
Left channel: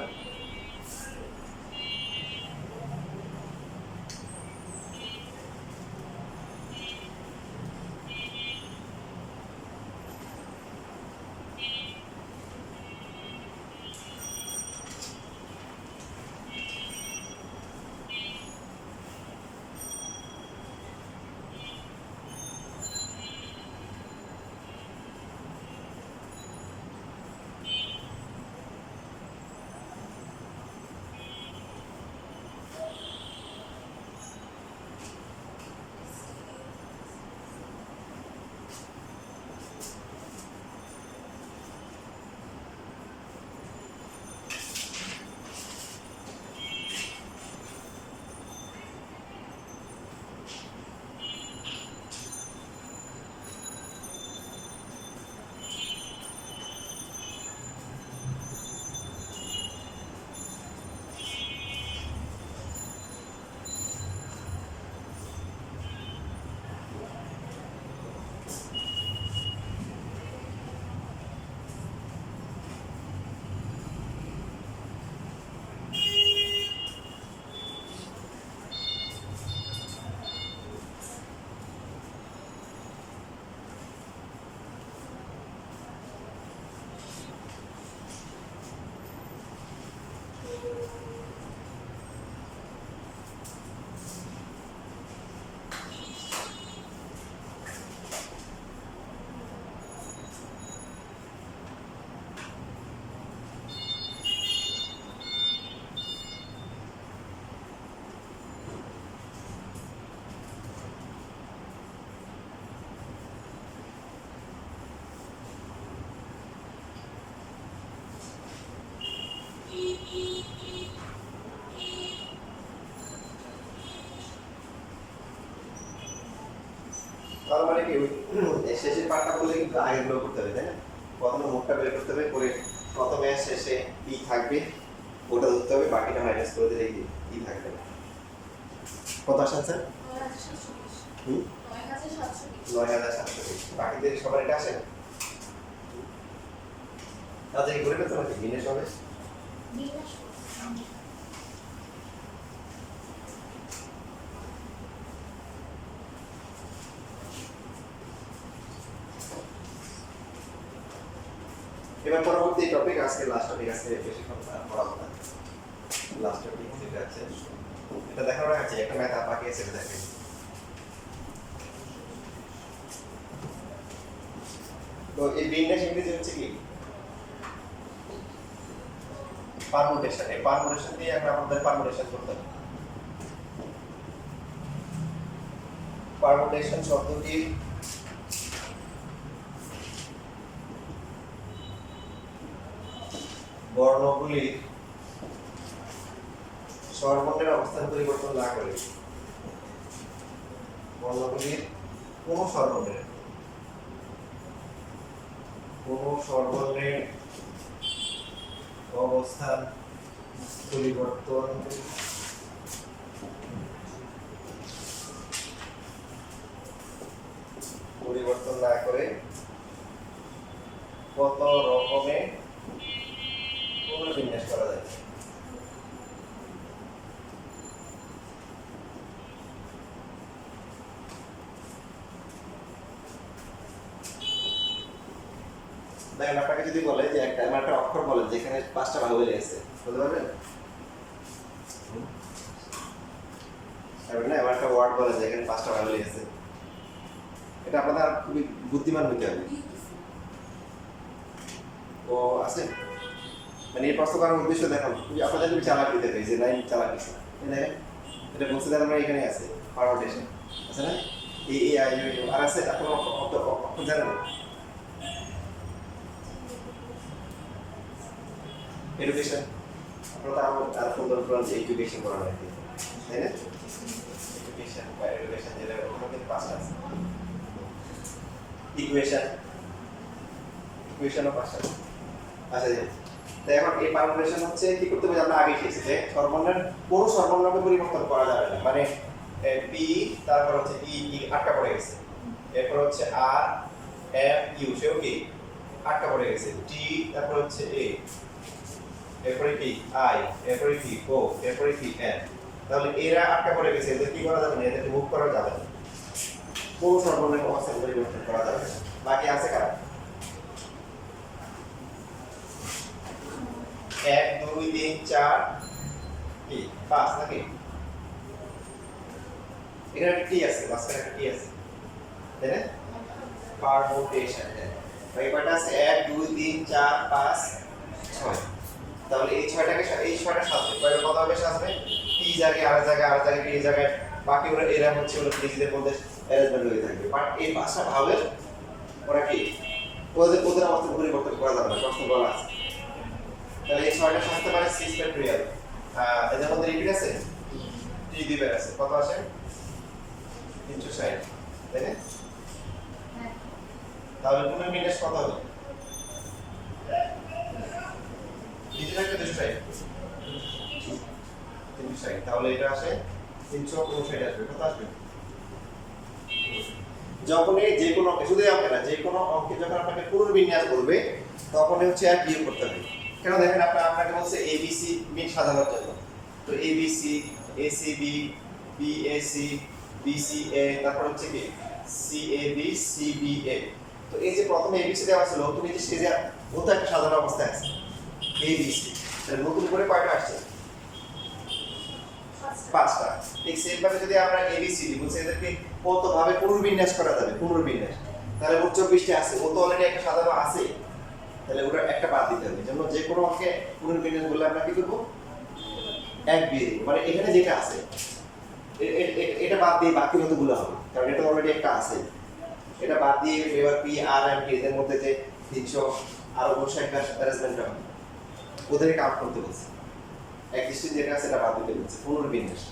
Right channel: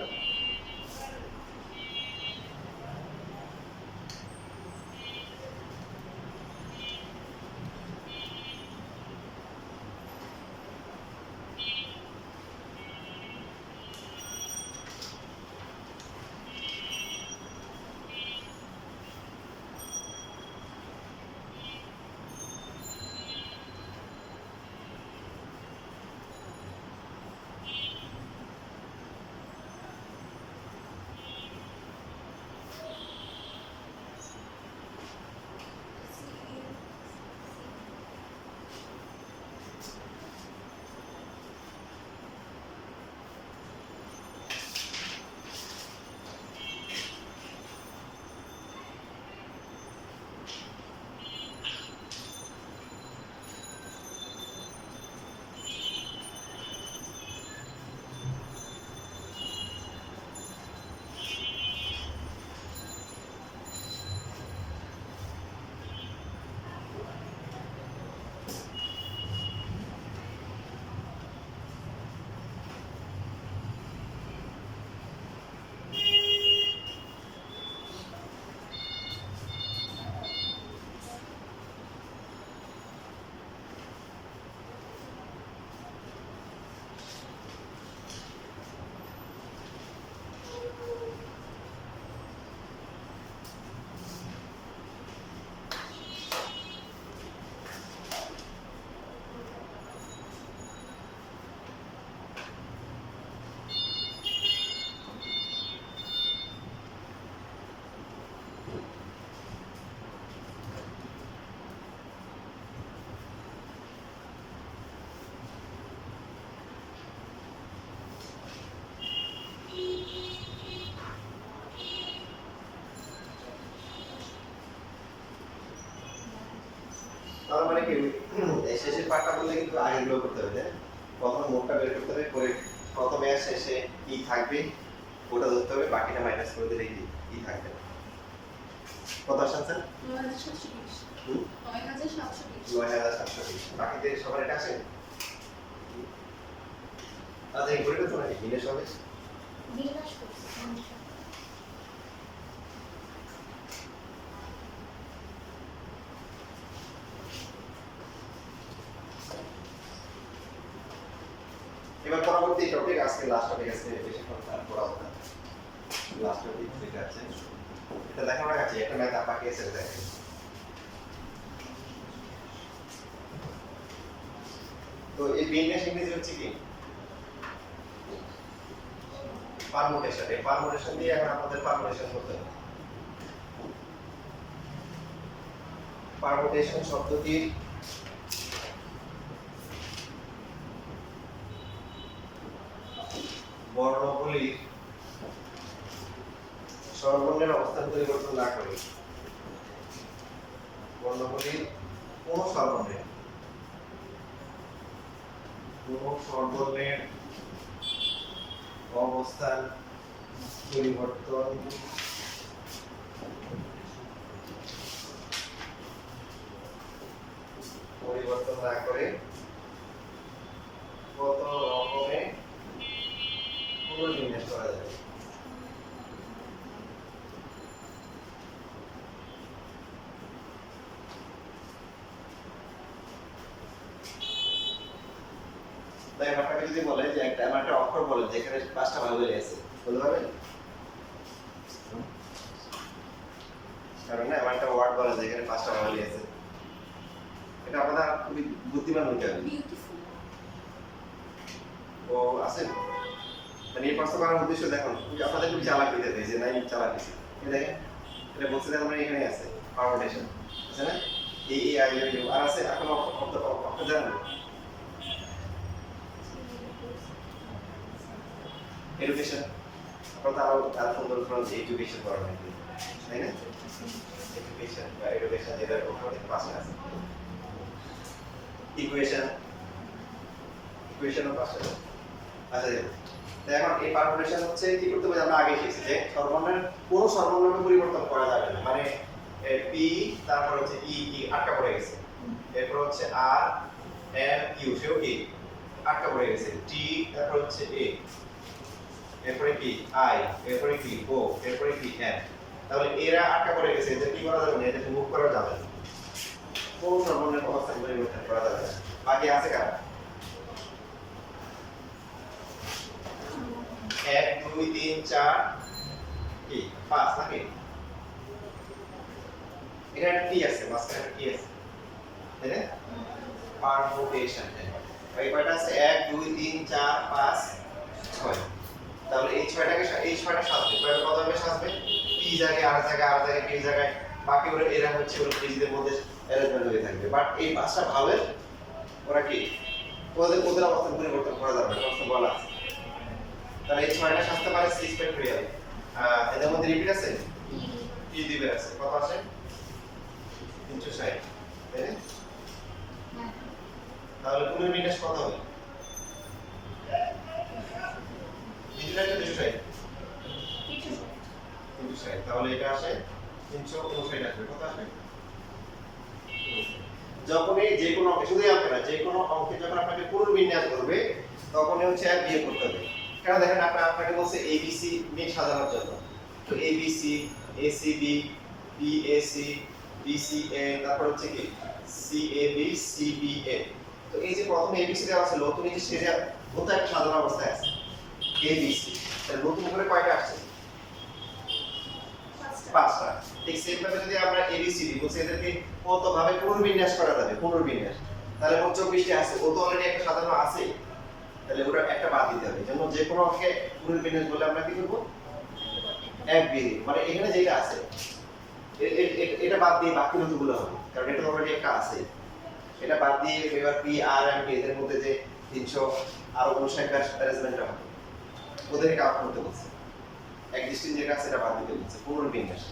কি এই শেষের পার্টটা বললে কিন্তু আগেগুলো করতে হবে, তাই না? প্রথমে মোটটা বের করতে হবে, করে প্রথমে আর শেষে কি থাকবে ওটা ধরতে হবে, বাকিটা মাইনাস করে দিলে কি থাকবে না। কত আসেন স্যার? 9720 9720 9720। বাকিদের সবার এটা আসে? আচ্ছা এই করে তো নাকি বিনেশ হবে? বিনাশ করছে এবার পরবর্তী টপিক, আজকে লাস্ট টপিক, আজকে বেশিক্ষণ পড়াবো না। লাস্ট টপিক যেটা আছে এটা দেখানো আছে, একটা ম্যাথ আপনাকে এসে দেখেন। তো এই বিন্যাস ইংরেজি হচ্ছে কি? পারমুটেশন। এই পারমুটেশন দিয়ে এখন আমাদের পারমুটেশন করতে হবে। পারমুটেশন শব্দটি বর্ণগুলির স্বরবর্ণের অবস্থান পরিবর্তন না করে বর্ণগুলির কোন স্বরবর্ণের অবস্থান পরিবর্তন না করে কত রকমে পুনর্বিন্যাস করা যাবে। দেখেন আপনাকে যদি বলে যে একটা অক্ষর বলেন যেখানে 5টা ভাওয়েল আছে, বলতে পারবেন? পারবেন না? একটা ওয়ার্ড বলেন যেখানে 5টা ভাওয়েল আছে, এটা আপনাদের খুবই বুদ্ধিমান হতে হবে। ও আছে মানে এই প্রশ্ন করার উদ্দেশ্য দেখুন আপনাদের খুবই চালাক দিতে হবে, যে নাই চালাক দিচ্ছে। এই দেখেন এটা বলতে দেখেন আমরা এখানে আছে পারমুটেশন আছে না, এই আই ইউ আর আছে। এখন অক্ষর জানেন এডুকেশন, আপনারা আরো সুন্দর করে এডুকেশন করা হয়, তাই না? এডুকেশন বা এডুকেশন যেটা ওখানে পাশে আছে। ইকুয়েশনও পাশে আছে। আচ্ছা তো এখন এই পারমুটেশন হচ্ছে কি করতে হবে, আমরা আগে শিখেছি যে সর্বর্ণের কোন সর্বর্ণকে পরিবর্তন করা যাবে না, মানে পি তারপর হচ্ছে ই আটকা পড়ে গেছে, এরপর হচ্ছে আর এম ইউ সেও কি আটকা পড়ে গেছে, টি তারপর হচ্ছে এ, এরপরে কি আই, এরপরে কি ও, এরপরে কি এন। তাহলে এরা আটকা পড়ে গেছে, এদের কি করা যাবে না, এদেরকে মুভ করা যাবে না, কোন সর্বর্ণের অবস্থান পরিবর্তন করা যাবে না। বাকি আছে কারা? 1 2 3 4 কি 5 নাকি? এখানে একটা টি আছে, মাঝখানে একটা টি আছে, তাই না? পারমুটেশন। এই কয়টা আছে? 1 2 3 4 5 6। তাহলে এই 6টাকে এই 6টা সাজবে, কয়টা কত হবে সাজবে? টি জায়গায় আর জায়গায় টি জায়গায়, বাকিগুলো এরা হচ্ছে ওরা নিজেদের মধ্যে অ্যারেঞ্জমেন্ট হয়ে থাকবে। বাট এই 5টা ভাবের ওরা কি ওদের অবস্থান পরিবর্তন করা যাবে না, প্রশ্ন বলা আছে। তাহলে এই 6টা সাজতে পারে 6 ফ্যাক্টরিয়াল। এদের মধ্যে রিপিট আছে, টি দিবে আছে, কত আসে? 360, তাই না? তাহলে পুনর্বিন্যাস কত হবে? 360, তাহলে এটা আসে 359 আসবে। কত আসবে? যখনই যে কোনো অঙ্কে, শুধু অঙ্কে না, যে কোনো অঙ্কে যখন আপনাকে পুনর্বিন্যাস করবে তখন হচ্ছে আর বিয়োগ করতে হবে। কেন দেখেন আপনাকে বলছে এবিসি মিট সাজানোর জন্য, তো এবিসি এসিবি বিএসি বিসিএ তারপর হচ্ছে কি সিএবি সিবিএ। তো এই যে প্রথম এবিসি দেওয়া ছিল, তুমি যে স্টেজে নতুন একটা সাজানো অবস্থায় আছে এবিসি, তাহলে নতুন করে কয়টা আসছে? 5টা। ঠিক সেম ভাবে যদি আমরা এবিসিডি বলছি এদেরকে কতভাবে পুনর্বিন্যাস করা যাবে, পুনর্বিন্যাস, তাহলে মোট 24টা আছে, ও তো অলরেডি একটা সাজানো আছে, তাহলে ওটা একটা বাদ দিতে হবে। জন্য যে কোনো অঙ্কে পুনর্বিন্যাস বলে আমরা কি করব? এক দিয়ে দিব, মানে এখানে যেটা আছে এটা বাদ দিয়ে বাকি মতগুলো হবে, কারণ এটা অলরেডি একটা আছে, এটা বাদ দিয়ে এবার পি আর এম কে এদের মধ্যে যে 300 আর 59 অ্যারেঞ্জমেন্ট হবে ওদেরকে কাউন্ট করতে বলছে। একজিস্টিং যেটা আছে এটা বাদ দিতে বলছে। পুনর্বিন্যাস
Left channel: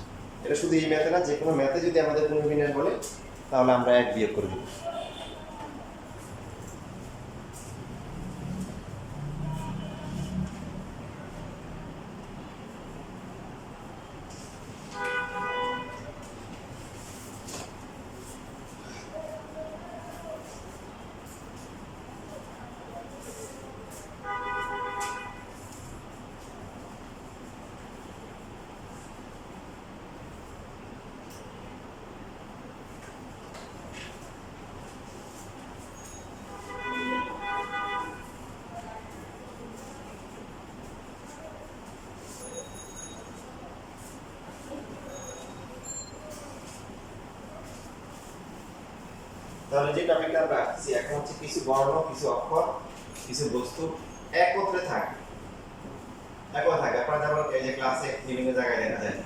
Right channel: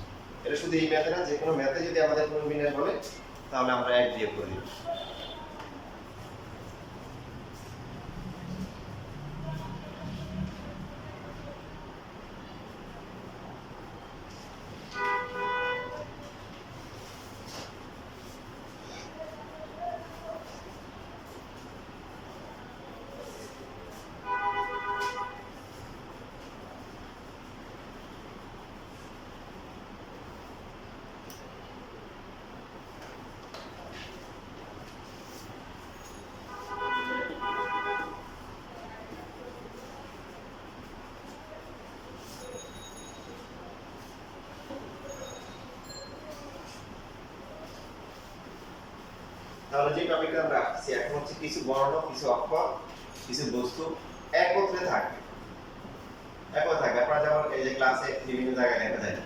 এটা শুধু এই ম্যাথে না, যে কোনো ম্যাথে যদি আমাদের পুনর্বিন্যাস বলে তাহলে আমরা 1 বিয়োগ করে দিব। তাহলে যে টপিকটা আমরা আসছি এখন হচ্ছে কিছু বর্ণ, কিছু অক্ষর, কিছু বস্তু একত্রে থাকে। আপনারা যেমন এই যে ক্লাসে বিভিন্ন জায়গায় দেখা যায়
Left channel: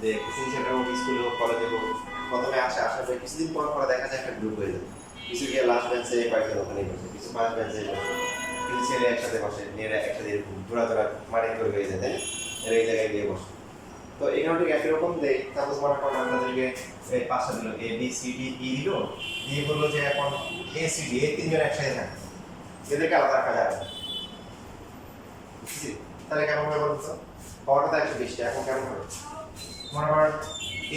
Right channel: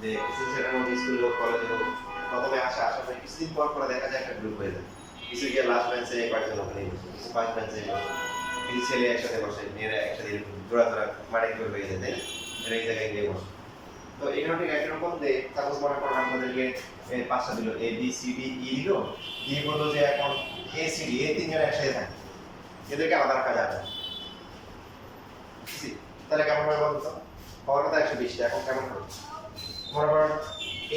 যে কিছু সেন্টার হোক, স্কুল হোক, কলেজে হোক, প্রথমে আসার পরে কিছুদিন পর পরে দেখা যায় একটা গ্রুপ হয়ে যায়। কিছু গিয়ে লাস্ট বেঞ্চে কয়েকজন ওখানে বসে, কিছু ফার্স্ট বেঞ্চে বসে, কিছু ছেলে একসাথে বসে, মেয়েরা একসাথে এরকম জোড়া জোড়া মাটি করে হয়ে যায়, তাই না? এরা এই জায়গায় গিয়ে বসে। তো এখানে ঠিক একই রকম যে সাপোজ মনে করেন আপনাদেরকে এই পাঁচটা দিল, এ বি সি ডি ই দিল, দিয়ে বললো যে এখন এ সি ডি এই তিনজন একসাথে থাকে, এদেরকে আলাদা রাখা যাবে না। বুঝছি? তাহলে কেমন হবে বলুন তো? হওয়ার কথা 120টা, এখন কেমন হবে? মনে করেন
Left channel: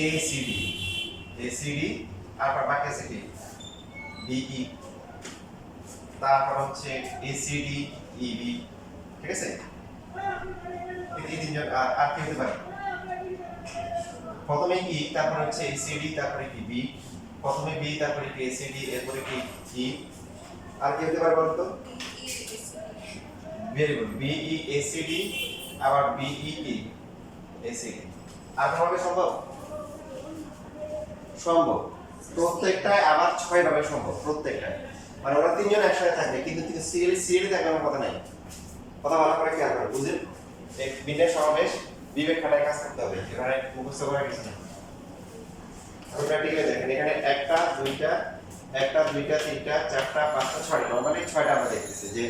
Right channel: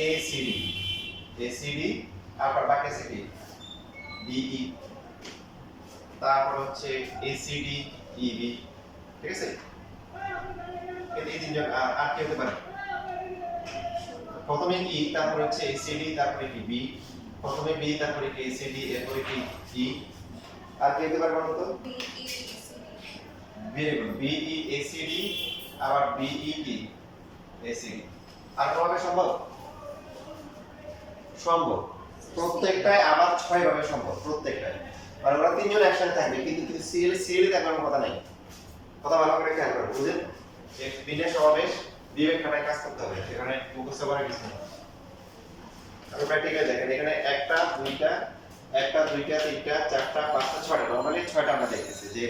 এ সি ডি আর বাকি আছে কি ডিই, তারপর হচ্ছে A C D E B, ঠিক আছে? এই তিনজন আর কি হতে পারে? প্রথমে ই, তারপরে হচ্ছে এসিডি, তারপরে কি বি, প্রথমে বি, তারপরে কি এসিডি, এরপরে কি ই, আর কি হতে পারে বলুন তো? Very good, B E A C D, আবার বি ই কি এসিডি। আর কোনভাবে সম্ভব? সম্ভব, প্রত্যেকটাই আবার 6 ভাবে সম্ভব, প্রত্যেকটাই। মানে ওরা তিনজন একসাথে থাকবে কিন্তু সিরিয়ালি থাকবে এমন কথা নাই। কথা ভালো করে খেয়াল করুন, বুঝলেন? এক বিন্যাস সমাবেশ বিবেক খাটায় কাজ করতে হবে, এখানে মুখস্থ করার কিছু নেই। আমি প্র্যাকটিক্যালি দেখেন, এখানে একটা দুইটা তিনটা চারটা পাঁচটা ছয়টা, নরমালি 6টা আমরা দেখতেছি যে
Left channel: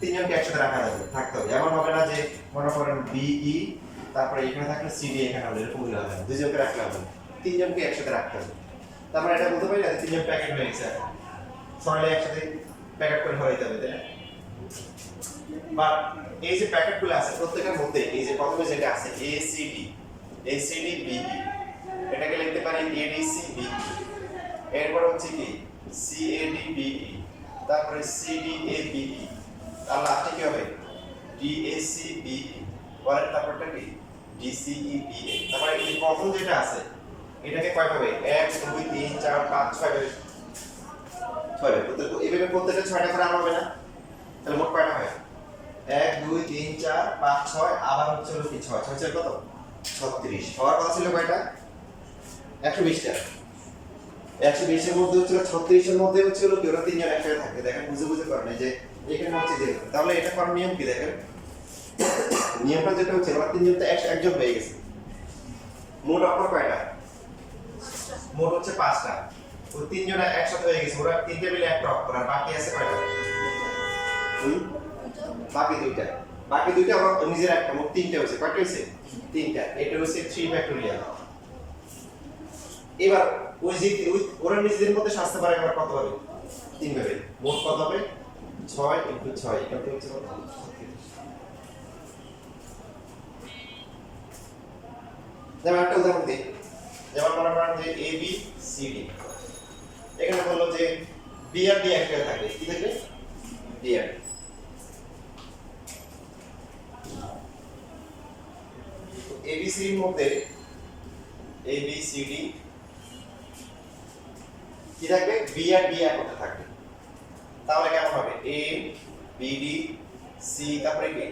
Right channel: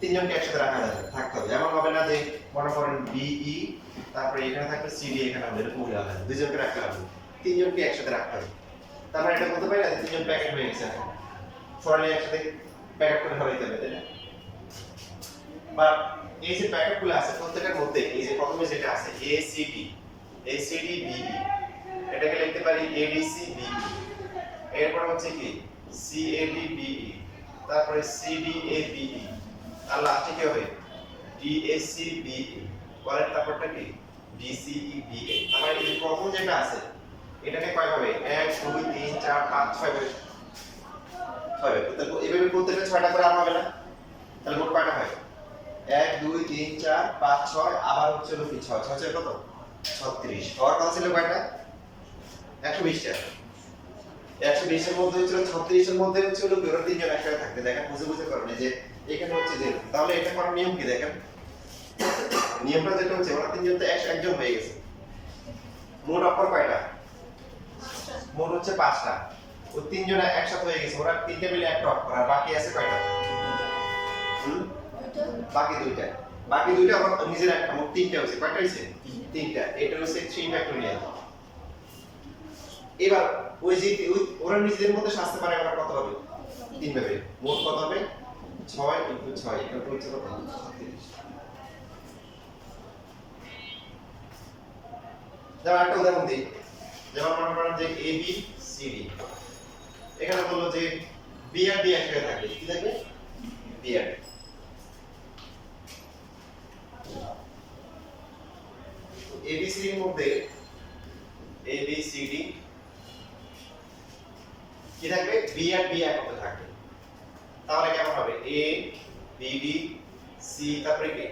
তিনজনকে একসাথে রাখা যাবে, থাকতে হবে। এমন হবে না যে মনে করেন বিই তারপরে এখানে থাকলে সিডি এখানে হবে, এরকম হলে হবে না। দুইজনকে রাখতে হবে, তিনজনকে একসাথে রাখতে হবে। তারপরে এটা বলতে পারি না যে তিনজন প্যাকেট হয়ে গেছে, এখন সরালে একসাথে প্যাকেট করে হয়ে যাবে, তাই না? বা এই যে প্যাকেটগুলো আছে প্রত্যেকটার মধ্যে এই যে প্রথমে যেটা আছে এসিডি বিই, এটাকে লিখতে পারি এবিসি বিই, এরপর হচ্ছে কি সিএডি বিই, তারপরে সিডিএ বিই, আর লাস্টে কি হবে ডিএসি বিই, পরের তারপরটা কি ডিসিই বিএ। তারপরে এই প্রথম যেটা আছে এটাকে কয় ভাবে 1 2 3 4 5 6 ভাবে, 6 ভাবে এইভাবে প্রত্যেকটা 6টা করে আর হবে না? তাহলে মোট কয়টা হয়? 1 2 3 4 5 6, আবার হচ্ছে হলো কি 6 6 কত 36। হওয়ার কথা ছিল কয়টা? 120টা। 120 এর মধ্যে হচ্ছে 36 এর মধ্যে হচ্ছে হলো ওরা তিনজন একসাথে থাকবে। দেখেন বুঝে বুঝে করেন, এই যে এখানে হচ্ছে যে, তাহলে এটা করার নিয়ম কি দেখেন? নিয়মটা যেটা হচ্ছে ওরা তিনজন তো একজন হয়ে গেছে। মোট অক্ষর কয়টা? মোট হচ্ছে 5টা। ওই তিনজন একসাথে হয়ে গেছে, ওরা তিনটে মিলে একটা অক্ষর, আর বাকি আছে কয়টা? বাকি দুইটা আমার নিজের একটা, মোট 3টা হয়েছে। কয়টা হয়েছে? 3টা। এটা হচ্ছে 3 ফ্যাক্টোরিয়াল। এবার ওই যে ওরা নিজেদের মধ্যে সাজতে পারে, আমরা কত পাবে? 3 ভাবে। মোট কত হবে? 6 × 6, এটা হচ্ছে কত? 36। যেমন একটা উদাহরণ দিই, যেমন মনে করেন যে এ বি সি ডি, এখানে বললো যে বি আর ডি একসাথে থাকে, কি থাকবে? বি আর ডি। এবিসিডির মধ্যে এবিসিডি কি থাকবে? বি আর ডি একসাথে থাকবে। তাহলে কেমন হবে? এ বি ডি সি, তারপরে কি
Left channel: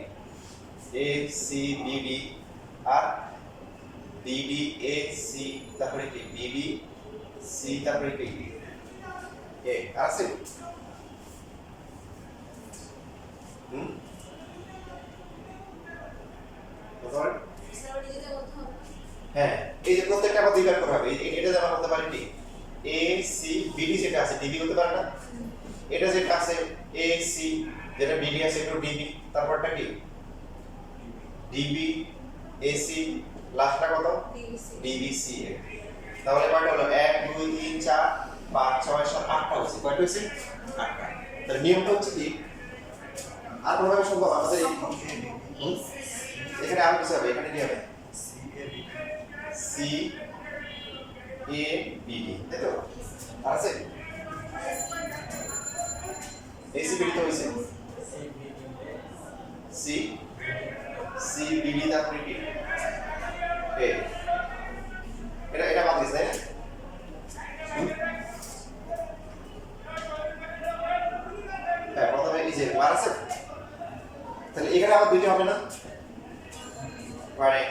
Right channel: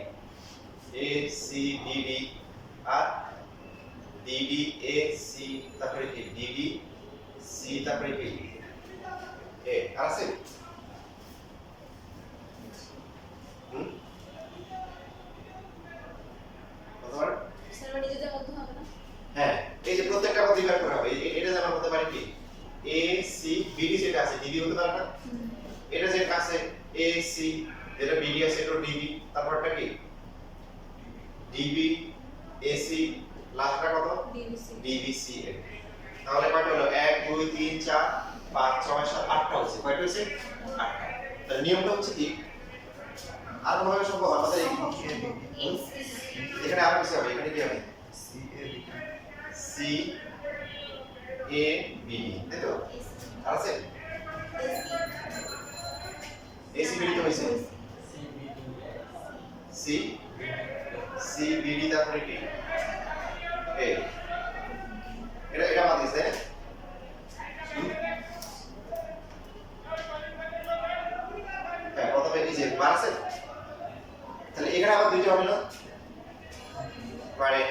এ সি বি ডি, আর বি ডি এ সি, তারপরে কি বি ডি সি, তারপরে কি এ, আছে? হ্যাঁ, এই যে প্রত্যেকটা আবার দুইবার করা হবে। এটা যেমন হতে পারে কি এ সি বিডি, যেটা আছে ডিবি হতে পারে না? এটা যেটা আছে এ সি, যেটা বিডি আছে এটা ডিবি, তারপরটা কি ডিবি এসি, লাস্টটা কত? ডিবিসি। তাহলে কয়টা হলো? 1 2 3 4 5 6 7 8টা হচ্ছে, কয়টা হচ্ছে? 8টা। তাহলে নিয়মটা হচ্ছে কি, আর কোনোভাবে সম্ভব আমাদের এখানে আরো কিছু হবে, এখানে কি হবে? সি এ বি তাই তো? আর আছে এসি বিডি তো হয়েছে, সি সি বিডি তারপরে কি এ, এটা বাদ দিস তাই না? হ্যাঁ প্রথমে এই যে বার আছে, তাহলে এখানে আবার দুইটা হবে না, মানে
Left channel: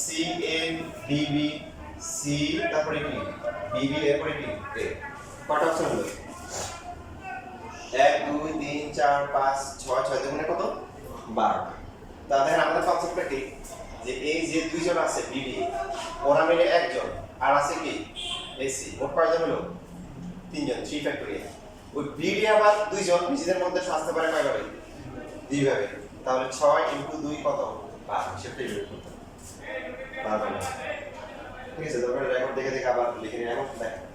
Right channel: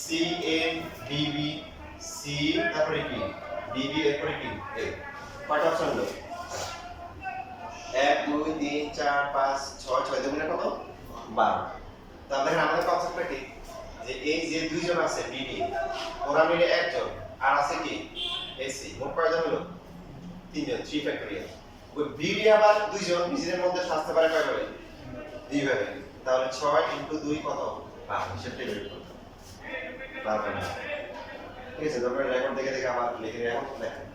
সি এন বিবি সি তারপরে কি বিবি এরপরে কি এ, কয়টা অপশন হলো? 1 2 3 4 5 6 6 দুগুণে কত? 12। তাহলে দেখেন আমাদের কনসেপ্টটা কি, যে এই যে দুইজন আছে বিবি ওরা মিলে একজন, আর আছে কি এসি, মোট কয়জন হলো? তিনজন, 3 ফ্যাক্টরিয়াল। ওই বিবি আবার দুইজন নিজেদের মধ্যে আসতে পারে কয়ভাবে? দুইভাবে। তাহলে 6 ইনটু 2 কত? 12, হিসেবটাই বের করতে হবে। পারবেন না, ঠিক আছে? তোমরা রেকর্ড দেখে দেখে আবার লিখে নিয়ে রেকর্ড দেখেন।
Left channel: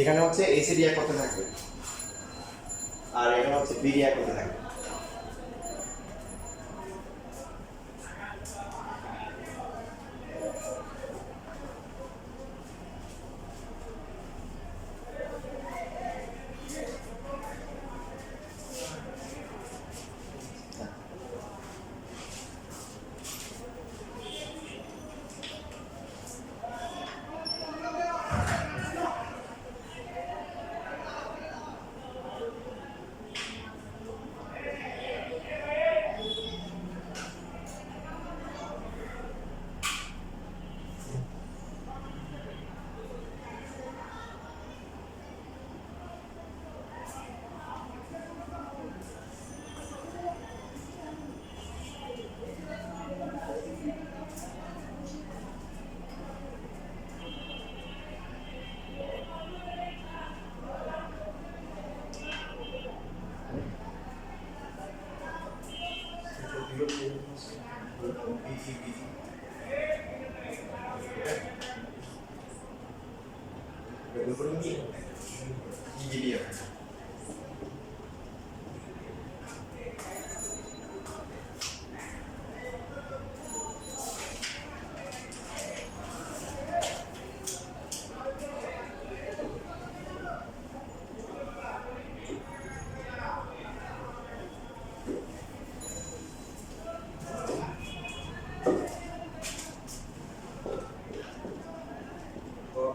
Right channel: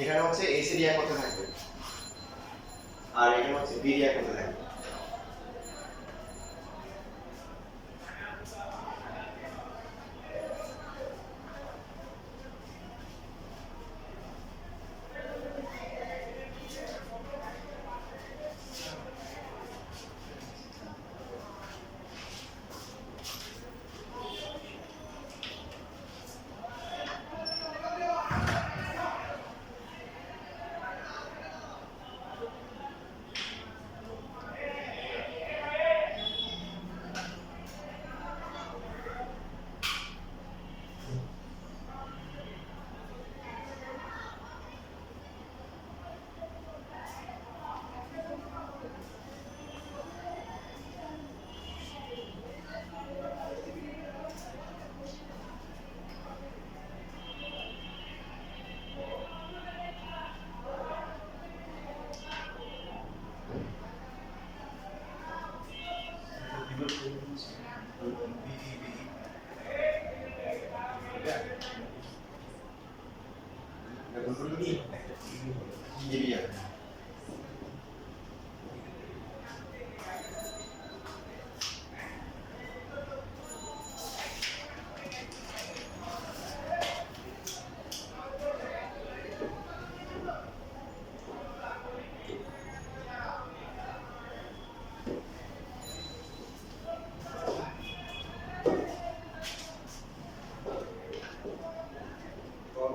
এখানে হচ্ছে এসি রিয়া করতে থাকবে, আর এখানে হচ্ছে বি রিয়া করতে থাকবে।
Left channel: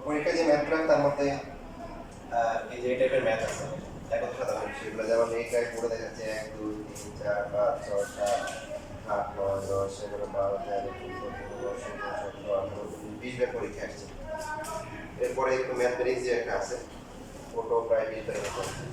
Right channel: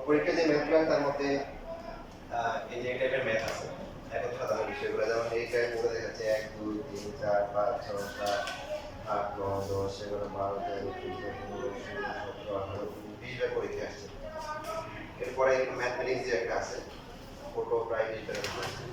পরীক্ষা যে ম্যাথগুলো তার মধ্যে এই যে টাইপের ম্যাথ আছে এখন সাধারণ বিষয়গুলো, যেমন এই গায়ে পড়ে দেখাচ্ছে 1 2 3 4 5 6 7 8 9 10 11 12 13 14 15 16 17 18 20 বার পরীক্ষা আসছে। এরপরে একটু ম্যাথমেটিক্স যে একটা আছে ওটাও প্রায় 20 বার আসছে।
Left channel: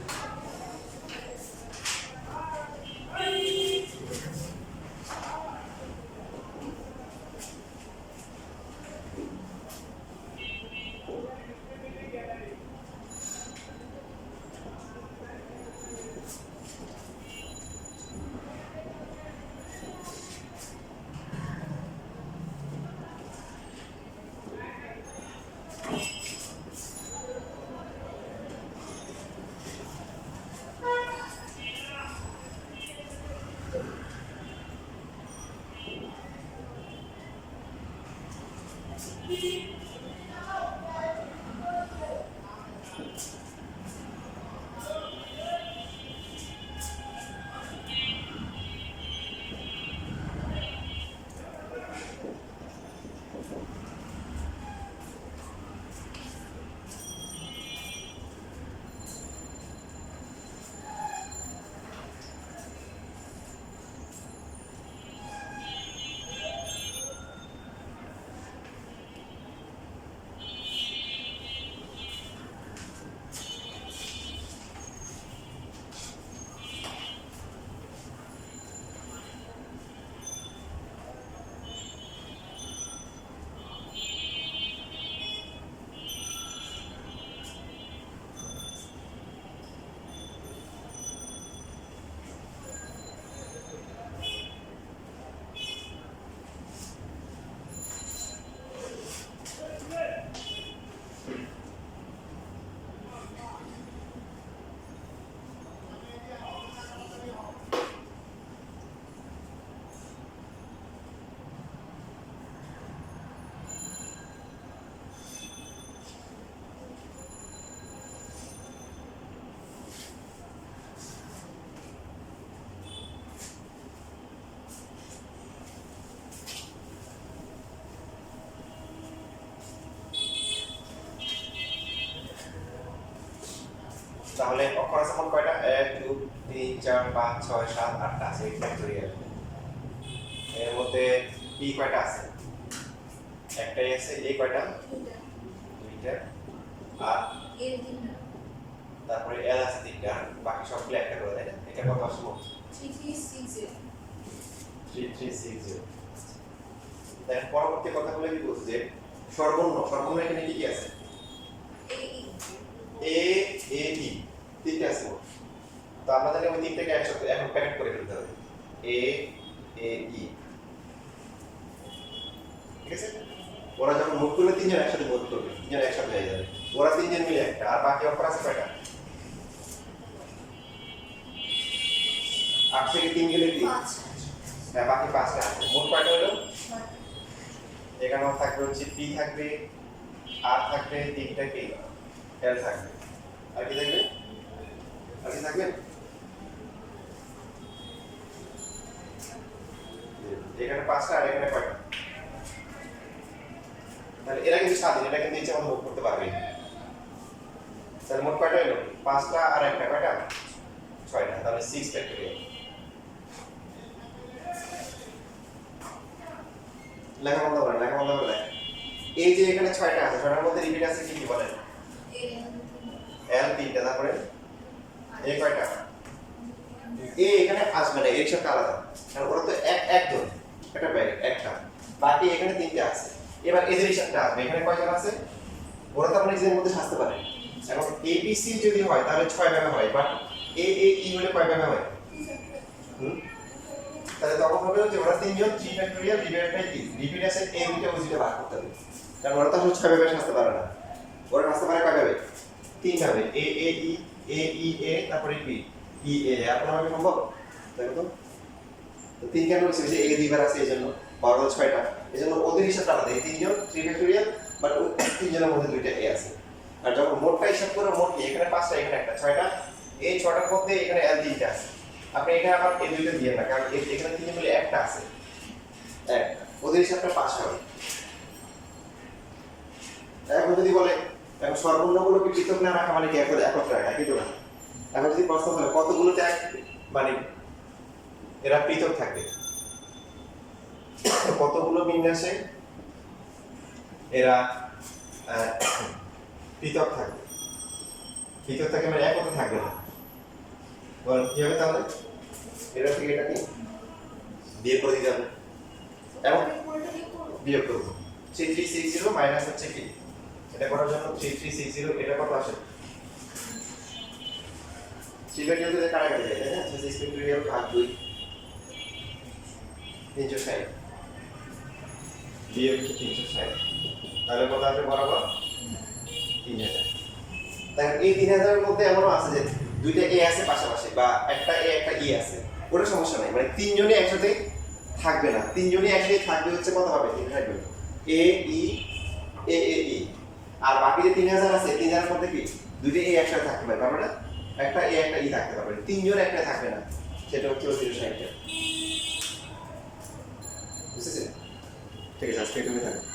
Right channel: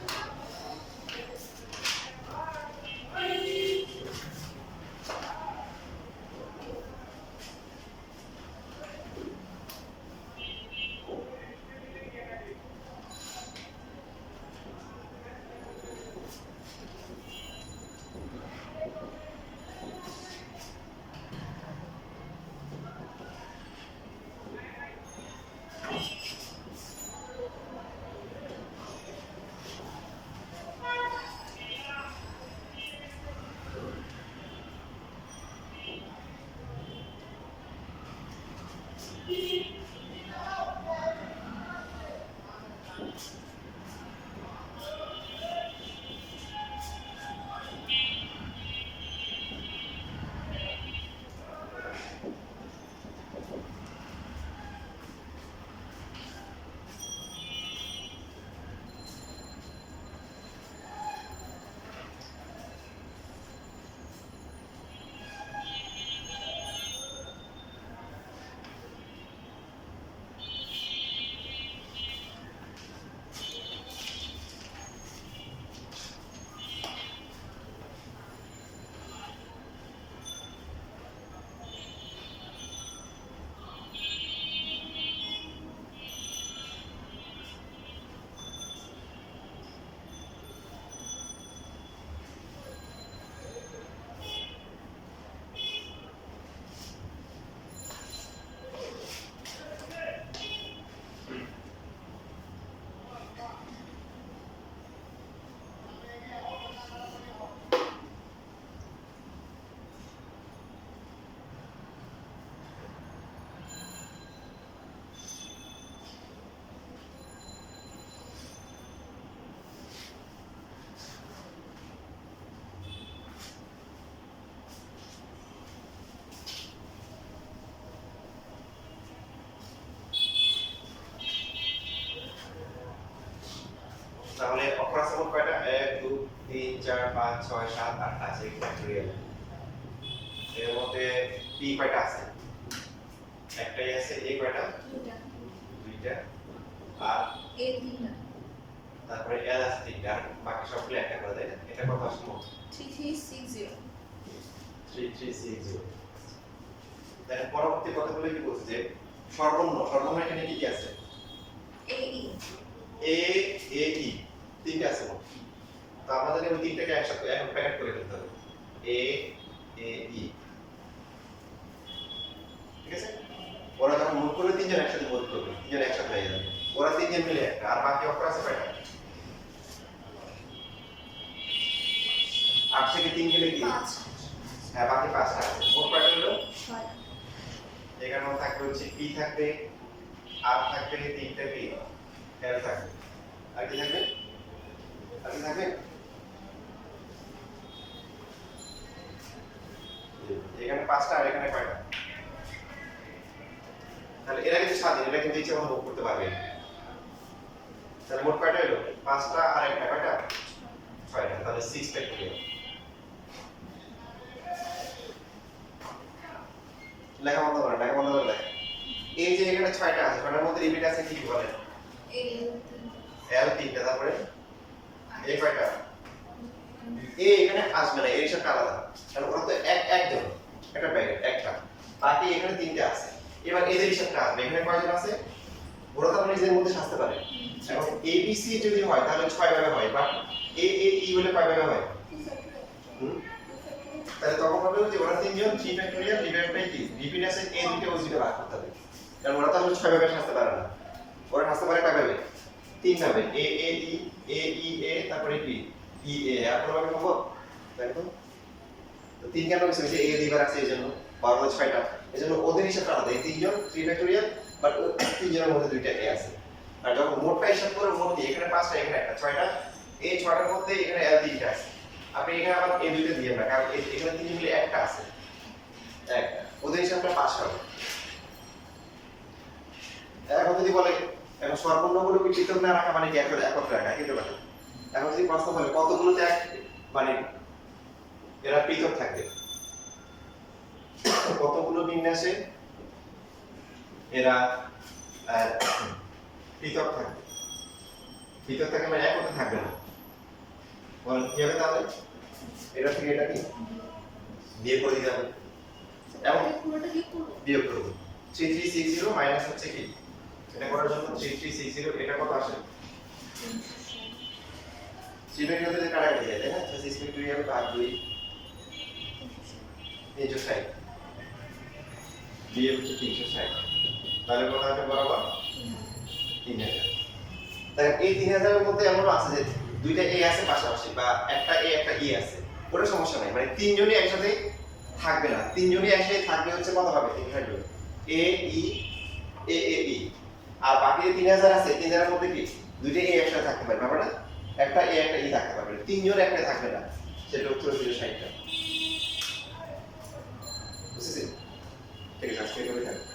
তাহলে অক্ষর আছে মোট কয়টা? 1 2 3 4 5 6 7 8টা আছে ফ্যাক্টরিয়াল। এর মধ্যে পি কয়টা আছে? একটাই আছে। এ কয়টা? দুইটা দুইটা। আর এ তিনটা তারপরে এল আছে তিনটা, আর বাকি সবগুলো একটা করে, তাই না? এটা কত আসবে? 3360 3360। দেখেন পরবর্তী কথাগুলো কি বলছে যে সর্বর্ণ এখানে কি কি আছে? এ ই এ এ ই তিনটা আছে মোট। তো আমরা জানি ওই তিনটাকে একসাথে এখন প্যাকেট করে ফেলতে হবে। এ এ ই, ঠিক আছে? ওরা যখন মুভ করবে তিনজন একসাথে মুভ করবে, তিনজন একসাথে হয়ে যাবে। ওরা তিনজন মিলে একটা, আর বাকি অক্ষর আছে কয়টা? 8 থেকে 3 গেলে কি? 5 হ্যাঁ, বাকি 5টা আছে। মোট কয়টা হলো? 6 এখানেও থাকবে হচ্ছে পি থাকবে, আর থাকবে তিনটা কি? এল থাকবে। আর কি থাকবে? আর কি থাকবে? এখানে 5টা আর এখানে কয়টা? তাহলে এরা কিন্তু স্বাধীন, এটা কিন্তু ইচ্ছা মতো মুভ করতে পারবে। তাহলে মোট কয়টা হলো? 5টা আর একটা কয়টা? 6টা। তাহলে 6 ফ্যাক্টরিয়াল। লেখা বন্ধ করে লেখ। এই যে এখানে 6টা আছে, 6টার মধ্যে রিপিট আছে কি কি বলেন? এ এল তিনটা, তারপরে এ কয়টা? এ এখানে আসবে না, এর সাথে আলাদা, কারণ ওরা তো একজন একটা ব্যাগ একটা, বাকি এখানে তিনটা আছে। এবার এদের হিসাবটা আসবে, এখানে কয়জন আছে? ওরা তো আমরা নিজেদের মধ্যে সাজতে পারে। এখন এ বি সি যদি হয় তাহলে 6 ভাবে হয়, বাট এ এ ই হলে কয় ভাবে হয়? তাহলে তখন হবে যে ওরা তিনজন 3 ফ্যাক্টরিয়াল, ডিভাইডেড কি রিপিট আছে, এ দুটো ও দুটো ভাগ করতে হবে, কারণ ওরা তো আসলে 6 ভাবে সাজতে পারে না। ওরা সাজতে পারে কয় ভাবে? 3 ভাবে। এ এ ই এ তারপরে পি ই এ। আর কোনো ভাবে সম্ভব? দেখো তো 3 কেন হচ্ছে? যে এ দুইবার আছে এজন্য, বড় 6টা, এজন্য ওদের হিসাবটা আলাদা। এই তিনজন 3 ফ্যাক্টরিয়াল, বাট ওই তিনজনের মধ্যে দুইটা এ আছে। আর যখন মোটটা হিসাব করে, মোট কি এখানে 5টা এখানে একটা, 6টা। এই 6টার মধ্যে এখানে এল তিনটা আছে। আপনি এটা আবার এই দুইটা দিয়ে না, কারণ এখানে তিনজন মিলে একটা আছে, একটা। ওদের হিসাবটা 5 হবে। এখন যদি বলে এখন সর্বর্ণগুলোকে পৃথক না রাখা মানে কি একত্রে রাখা, কিন্তু না। এখন যদি প্রশ্ন বলে কতগুলোতে এক মানে এরা পৃথক থাকবে, কতগুলো বিন্যাসে এরা পৃথক থাকবে? পৃথক থাকে মানে একত্রে থাকবে না। বল কি হবে তাহলে? এটা থেকে এটা কি বিয়োগ করে দিতে হবে, এবং পুরোটা কি করব? বিয়োগ করব। 3360 মাইনাস হচ্ছে কি? এটা করার জন্য 3360 এটা কত আসে? 3 ফ্যাক্টরিয়াল থেকে কাটা হয়ে যায়, তাই না? 6 ফ্যাক্টরিয়াল ভাগ 2 360 বিয়োগ হচ্ছে 360। তাহলে কত আসবে বরাবর? 3000। দেখেন এই 3000 এর মধ্যে এমনও আছে যে দুইটা এ আছে পাশাপাশি, বা একটা এ একটা ই আছে, ওটা সমস্যা নাই। মানে তিনজনই একসাথে থাকবে না, তিনজনই একসাথে থাকবে হচ্ছে কত হবে? 360 এ ই এ এ ই। আর বাকি যে 3000 আছে, 3000 এর মধ্যে কি দুইটা এ একসাথে থাকতে পারবে না? একটা এ একটা ই থাকতে পারবে, তিনজন একসাথে থাকবে না, সেটা হচ্ছে 360টা। বুঝছেন? ঠিক আছে, আজকে এটুকুই থাকবে।